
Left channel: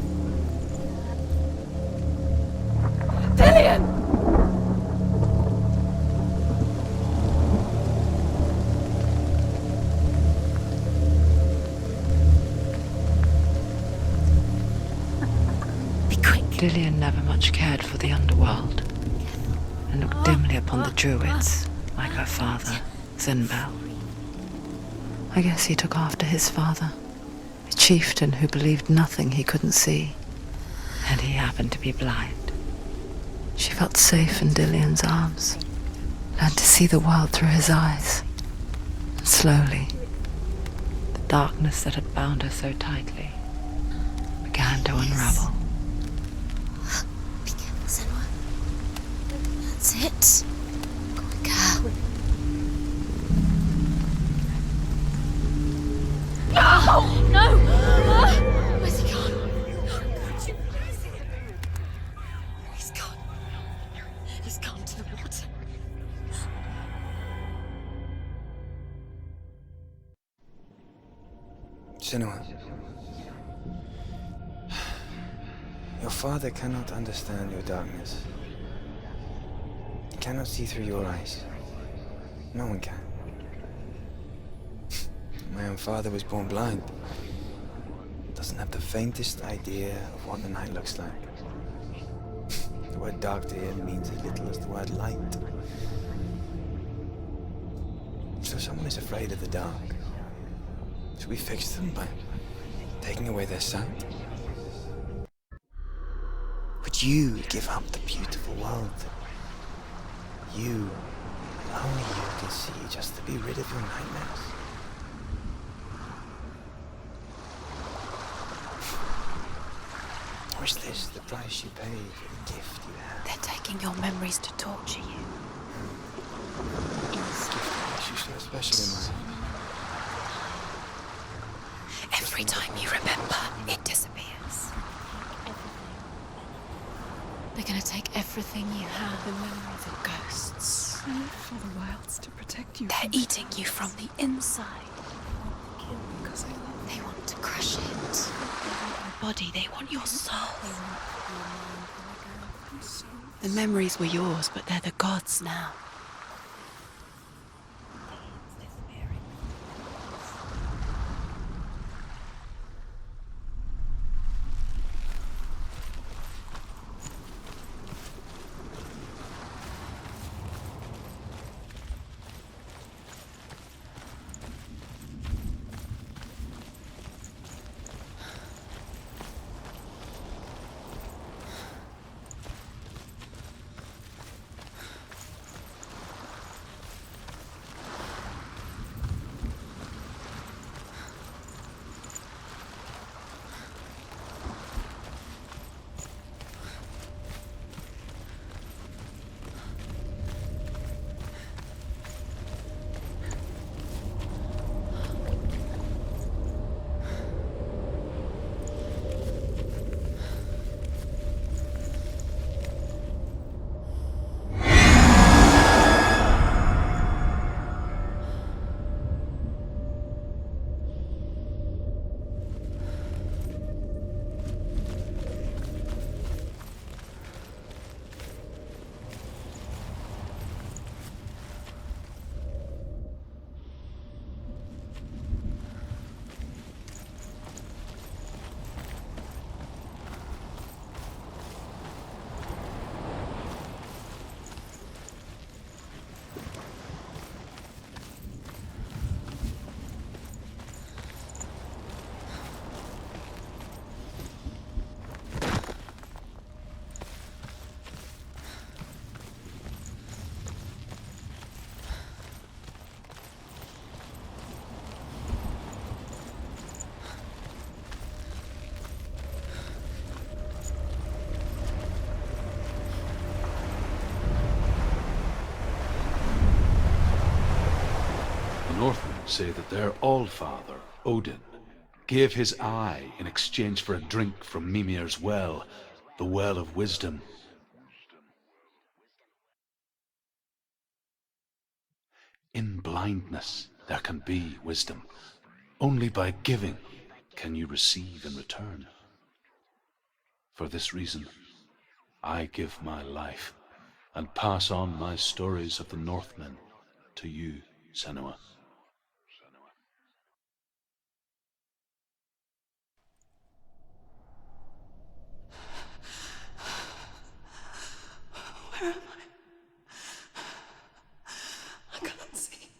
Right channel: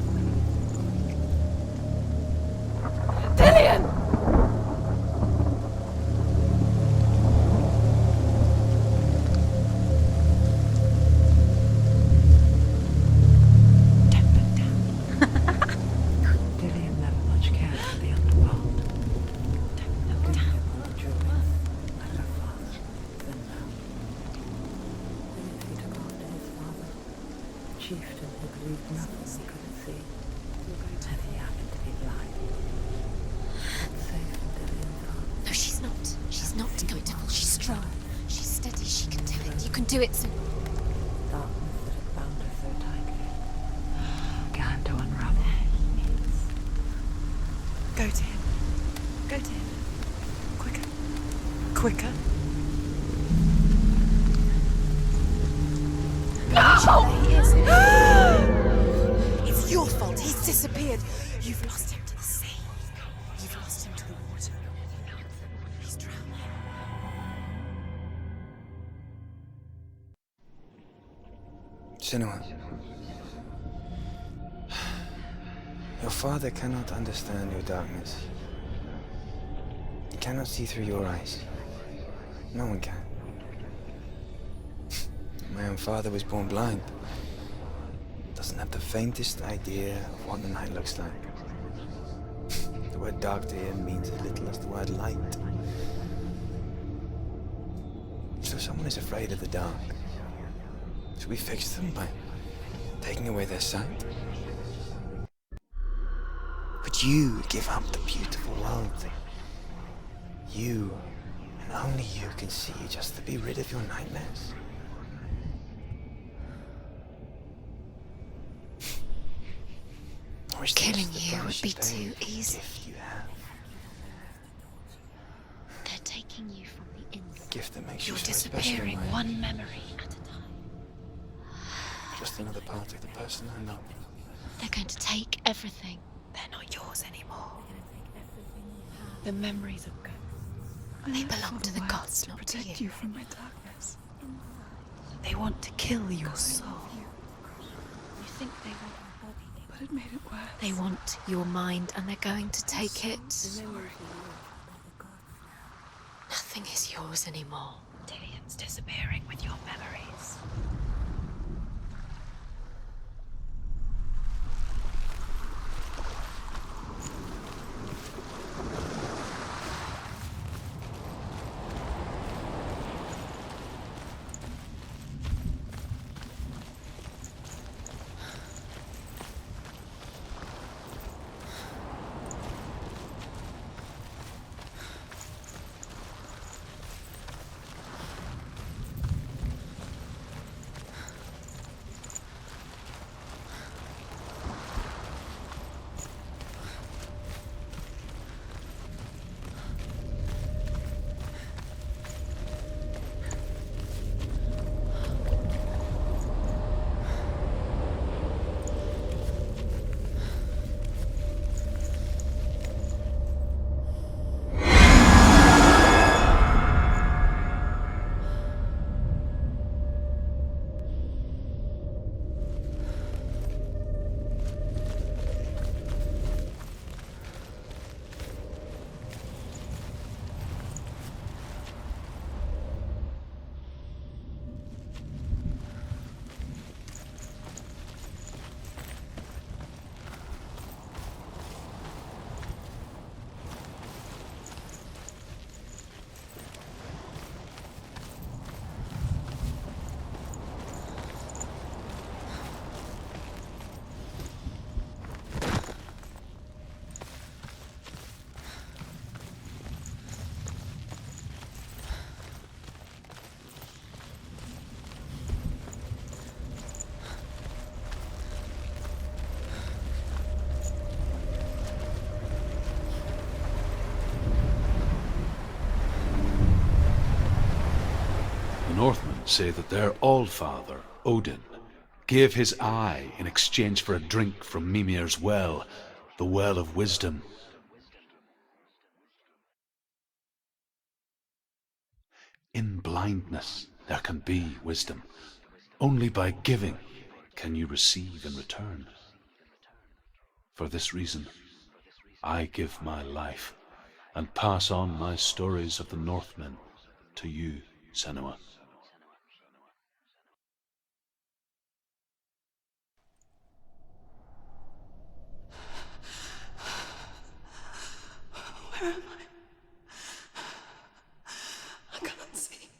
Dillian! be quick. Dillian never much cared for the underworld, and looked dimly upon the druids, like her father, Zinbel. I guess he took after his father, a chieftain who believed nothing he couldn't see, and he happened to be blind. She felt safe in Dillian's arms, She's not. learned to see the world through his eyes. She's steady. She can Slowly, do it. the darkness that had bound her so tightly began to unravel. Go to him. Go to him. That's it. Quicker. Quicker. Quicker. Where's he gone? It's your fault. He's disappeared. You've lost him to the sea. He's gone. You've lost him to him. He's gone to the water. He's drowned. Senua. Your father cannot understand your darkness. He cannot see through your eyes. No one can. My own father was born blind. Doesn't have the faintest idea of what the night looks like. The word dark to him means as little as the word light. So someone is afraid of the dark. Should we fix them by taking away their sight? Would you give up the beautiful world that you, and only you, can see just to be rid of your nightmares? Or is Killing this the you would price be you pay too for the easy. gift you have? They're taking your memories to torture you. They're taking them The gift that makes you so special in disappearing life. one memory at a time. Just Every another time you part of the remember, person. it disappears. They're going to take everything. They're not yours anymore. They're going to take everything you have. The memories of ghosts. They belong to the gods, to not protect to you. you They're from eating you from the inside. They want to kill your soul. They want to crush it. They want your body. They want your soul. They want your mind, and they're going to take it. The memories were yours, but they're the gods now. Nothing is yours anymore. Dillian's disappearing with your memories. The Northmen say that their Allfather, Odin, gave his eye in exchange for a drink from Mimir's well, the well of wisdom. In blindness there can be wisdom. Only by giving can you receive in return. For this reason, I give my life and pass on my stories of the Northmen to you, Senua. Where am I can't see.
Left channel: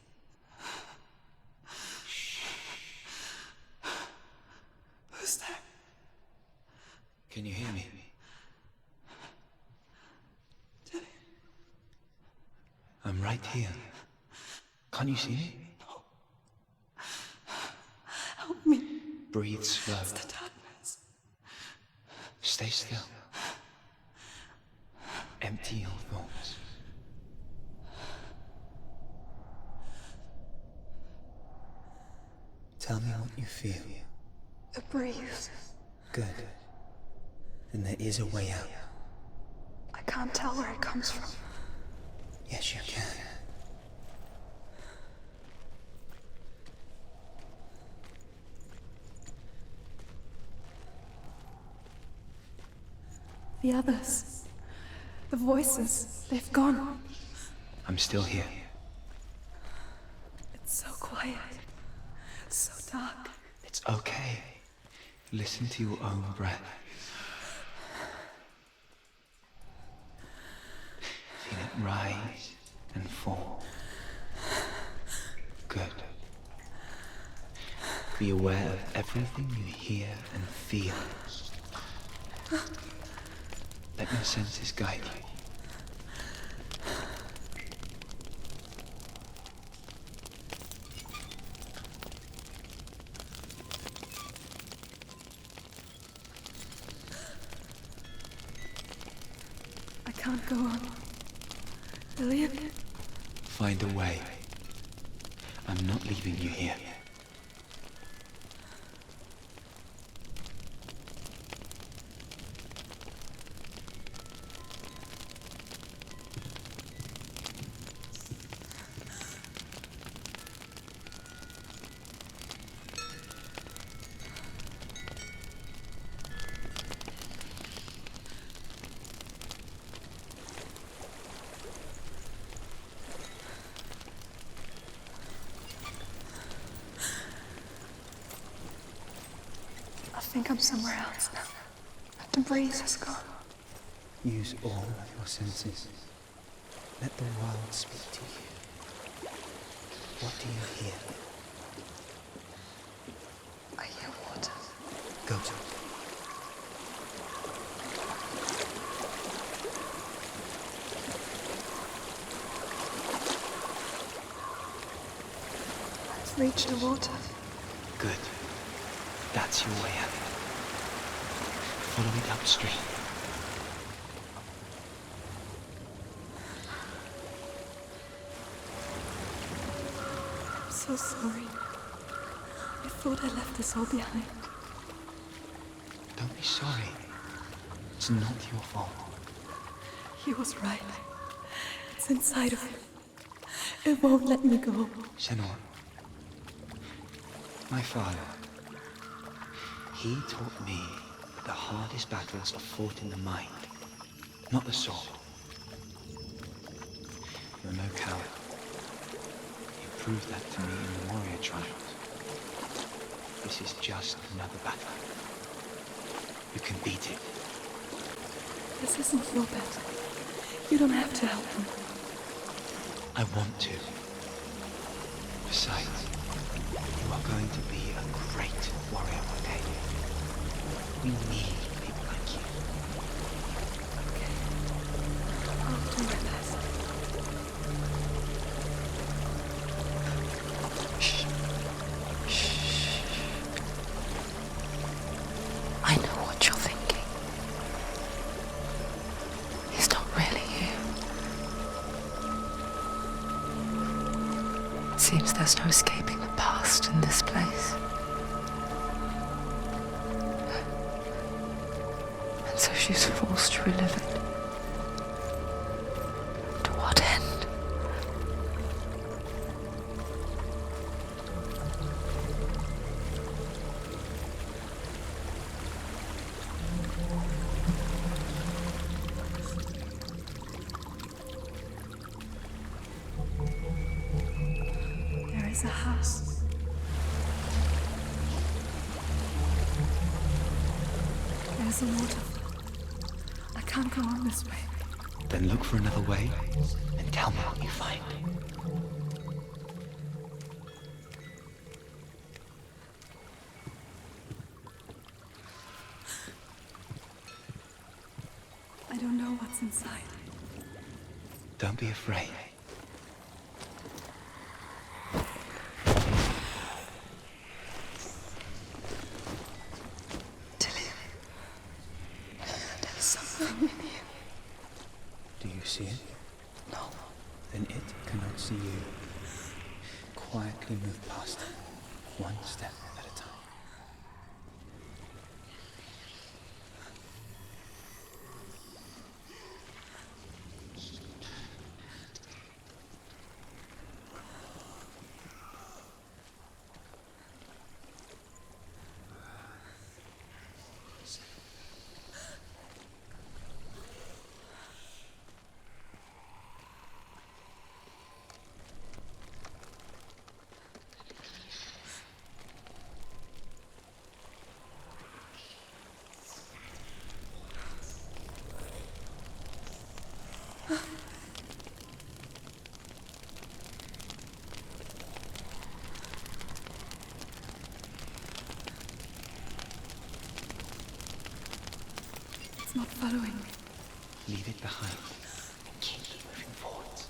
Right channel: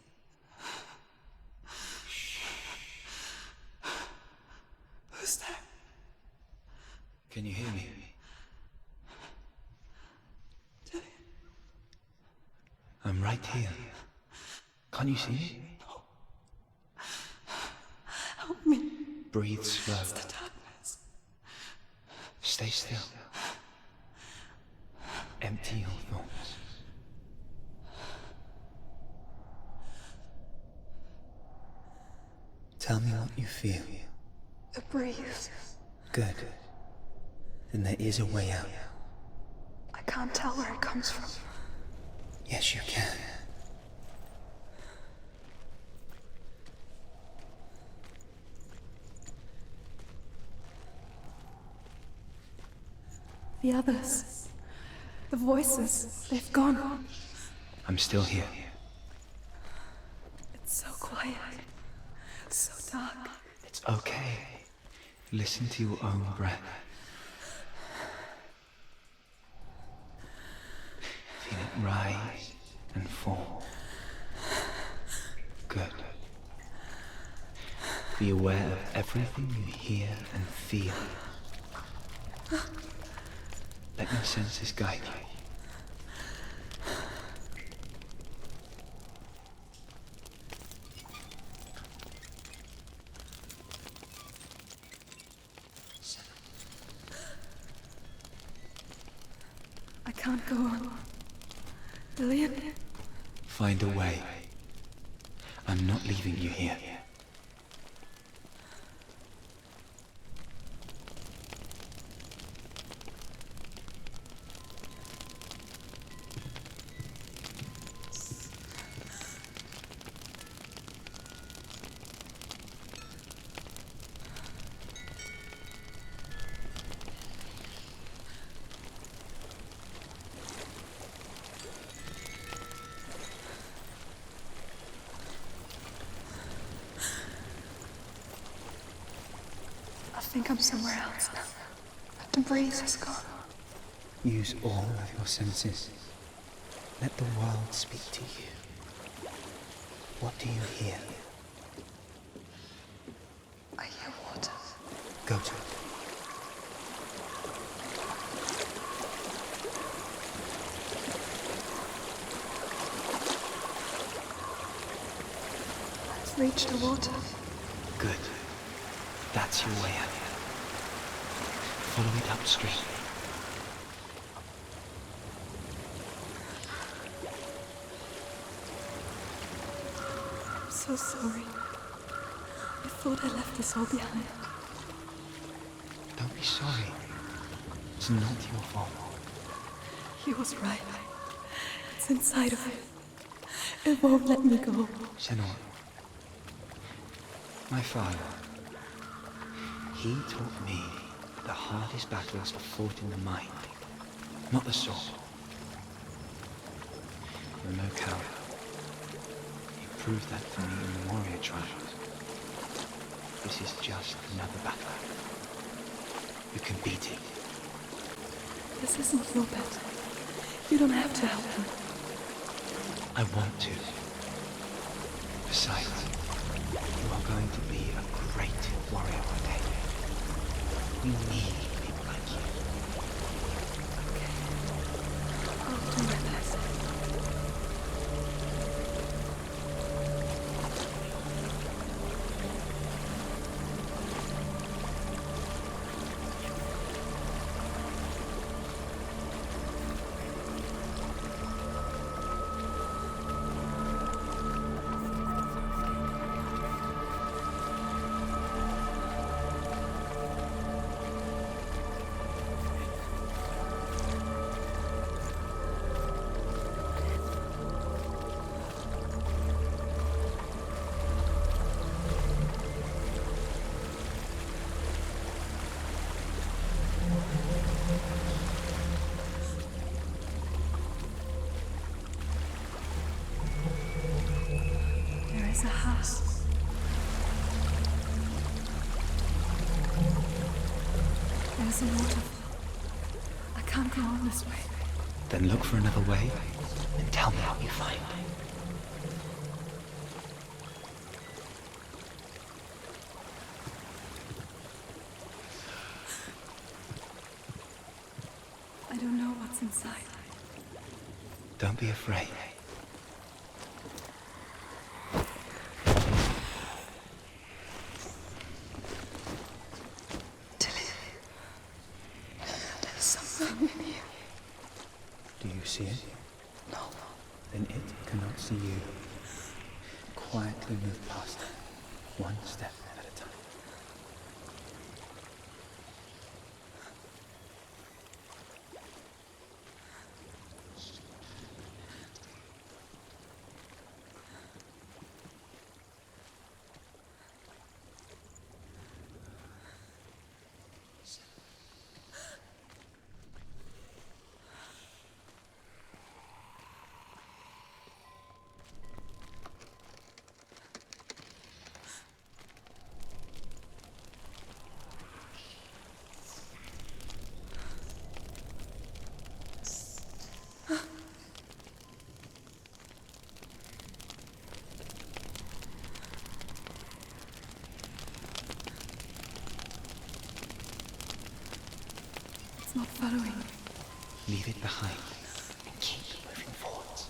Who's there? Can you hear me? Dillian. I'm right here. Can't you see me? Help me. Breathe slow. It's the darkness. Stay still. Empty your thoughts. Tell me what you feel. The breeze. Good. Then there is a way out. I can't tell where it comes from. Yes, you can. The others. The voices. They've gone. I'm still here. quiet. So dark. It's okay. Listen to your own breath. Feel it rise and fall. Good. Be aware of everything you hear and feel. Let your senses guide you. I can't go on. Lillian? Find a way. I'm not leaving you here. I think I'm somewhere else now. The breeze has gone. Use all of your senses. Let the world speak to you. What do you hear? I hear water. Go to it. I've reached the water. Good. That's your way out. Follow it upstream. I'm so sorry. I thought I left this all behind. Don't be sorry. It's not your fault. He was right. It's inside of me. It won't let me go. Senua. My father. He taught me that the hardest battles are fought in the mind, not the sword. You're no coward. You proved that to me in the warrior trials. This is just another battle. You can beat it. This isn't your battle. You don't have to help me. I want to. Besides, you are going to be a great warrior one day. We need people like you. Okay. I'll do my best. I know what you're thinking. He's not really here. It seems there's no escaping the past in this place. And so she's forced to relive it. To what end? There is a house. There's a waterfall. I can't go on this way. Then look for another way and tell me what you find. I don't know what's inside. Don't be afraid. Tilly, there's something in here. Do you see it? No. Then it cannot see you. Quietly move past it, one step at a time. It's not following me. Leave it behind and keep moving forwards.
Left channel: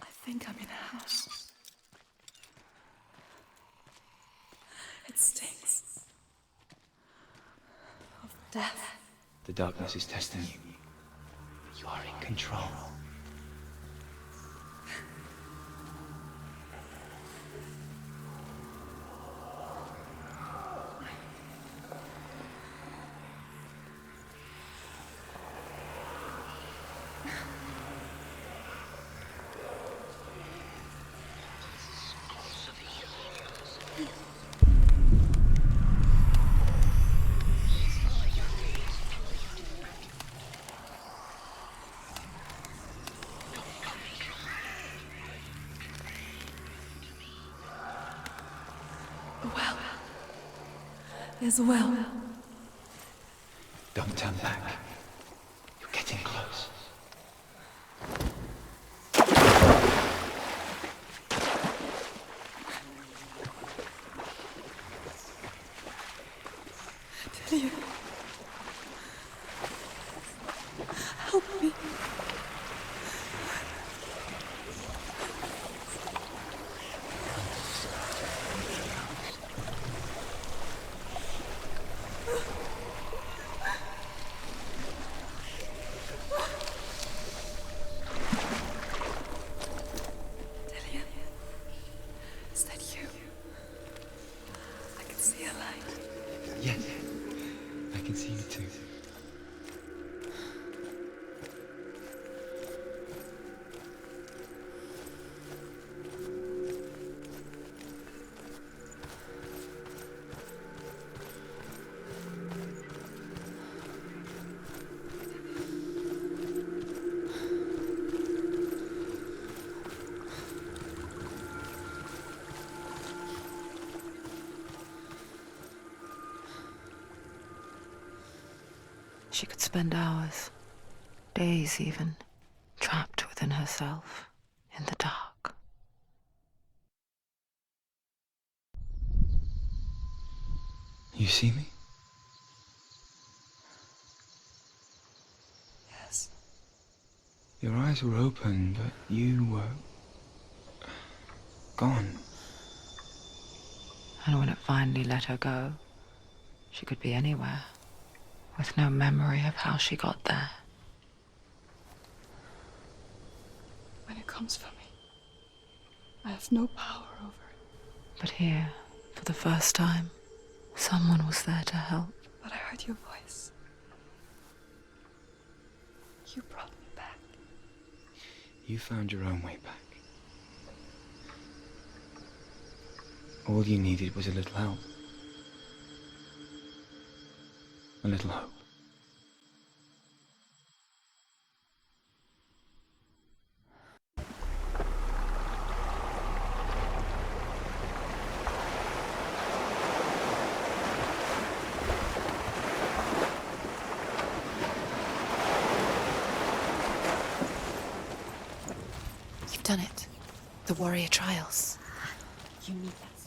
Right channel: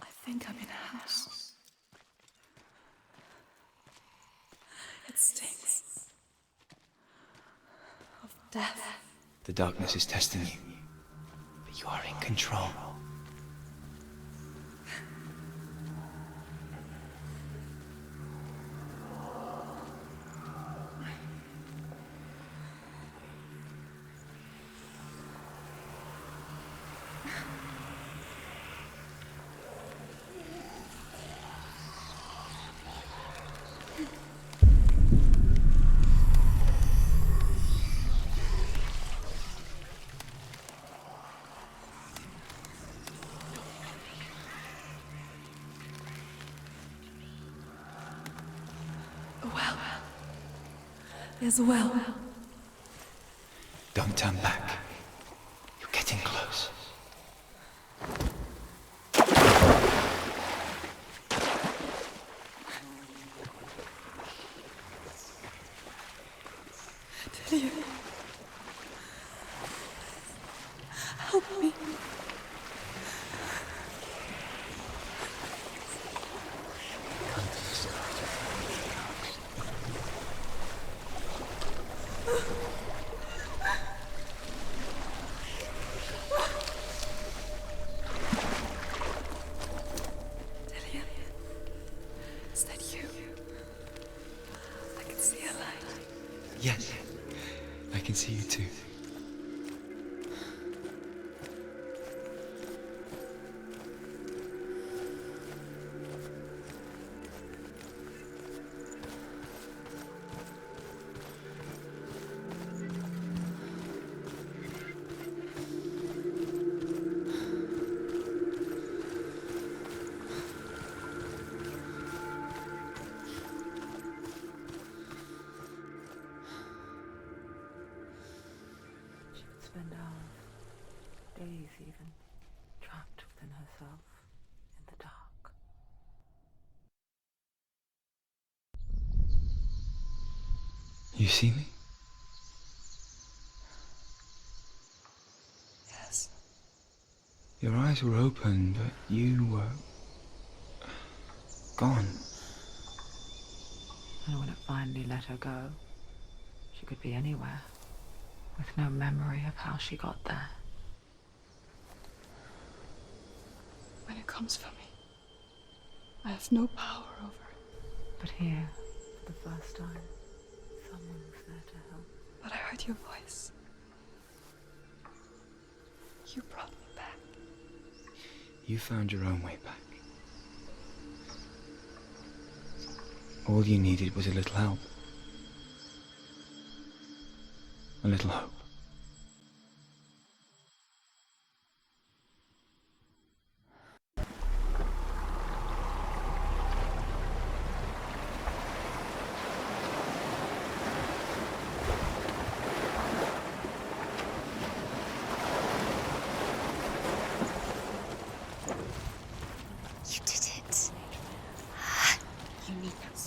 I think I'm in a house. It stinks of death. The darkness is testing you, but you are in control. A well. There's a well. Don't turn back. You're getting close. Delia. Help me. Delia. Is that you? I can see a light. Yes, I can see you too. She could spend hours, days even, trapped within herself, in the dark. You see me? Yes. Your eyes were open, but you were gone. And when it finally let her go, she could be anywhere, with no memory of how she got there. When it comes for me, I have no power over it. But here, for the first time, someone was there to help. But I heard your voice. You brought me back. You found your own way back. All you needed was a little help. A little hope. I've done it. You did it. The warrior trials. You need that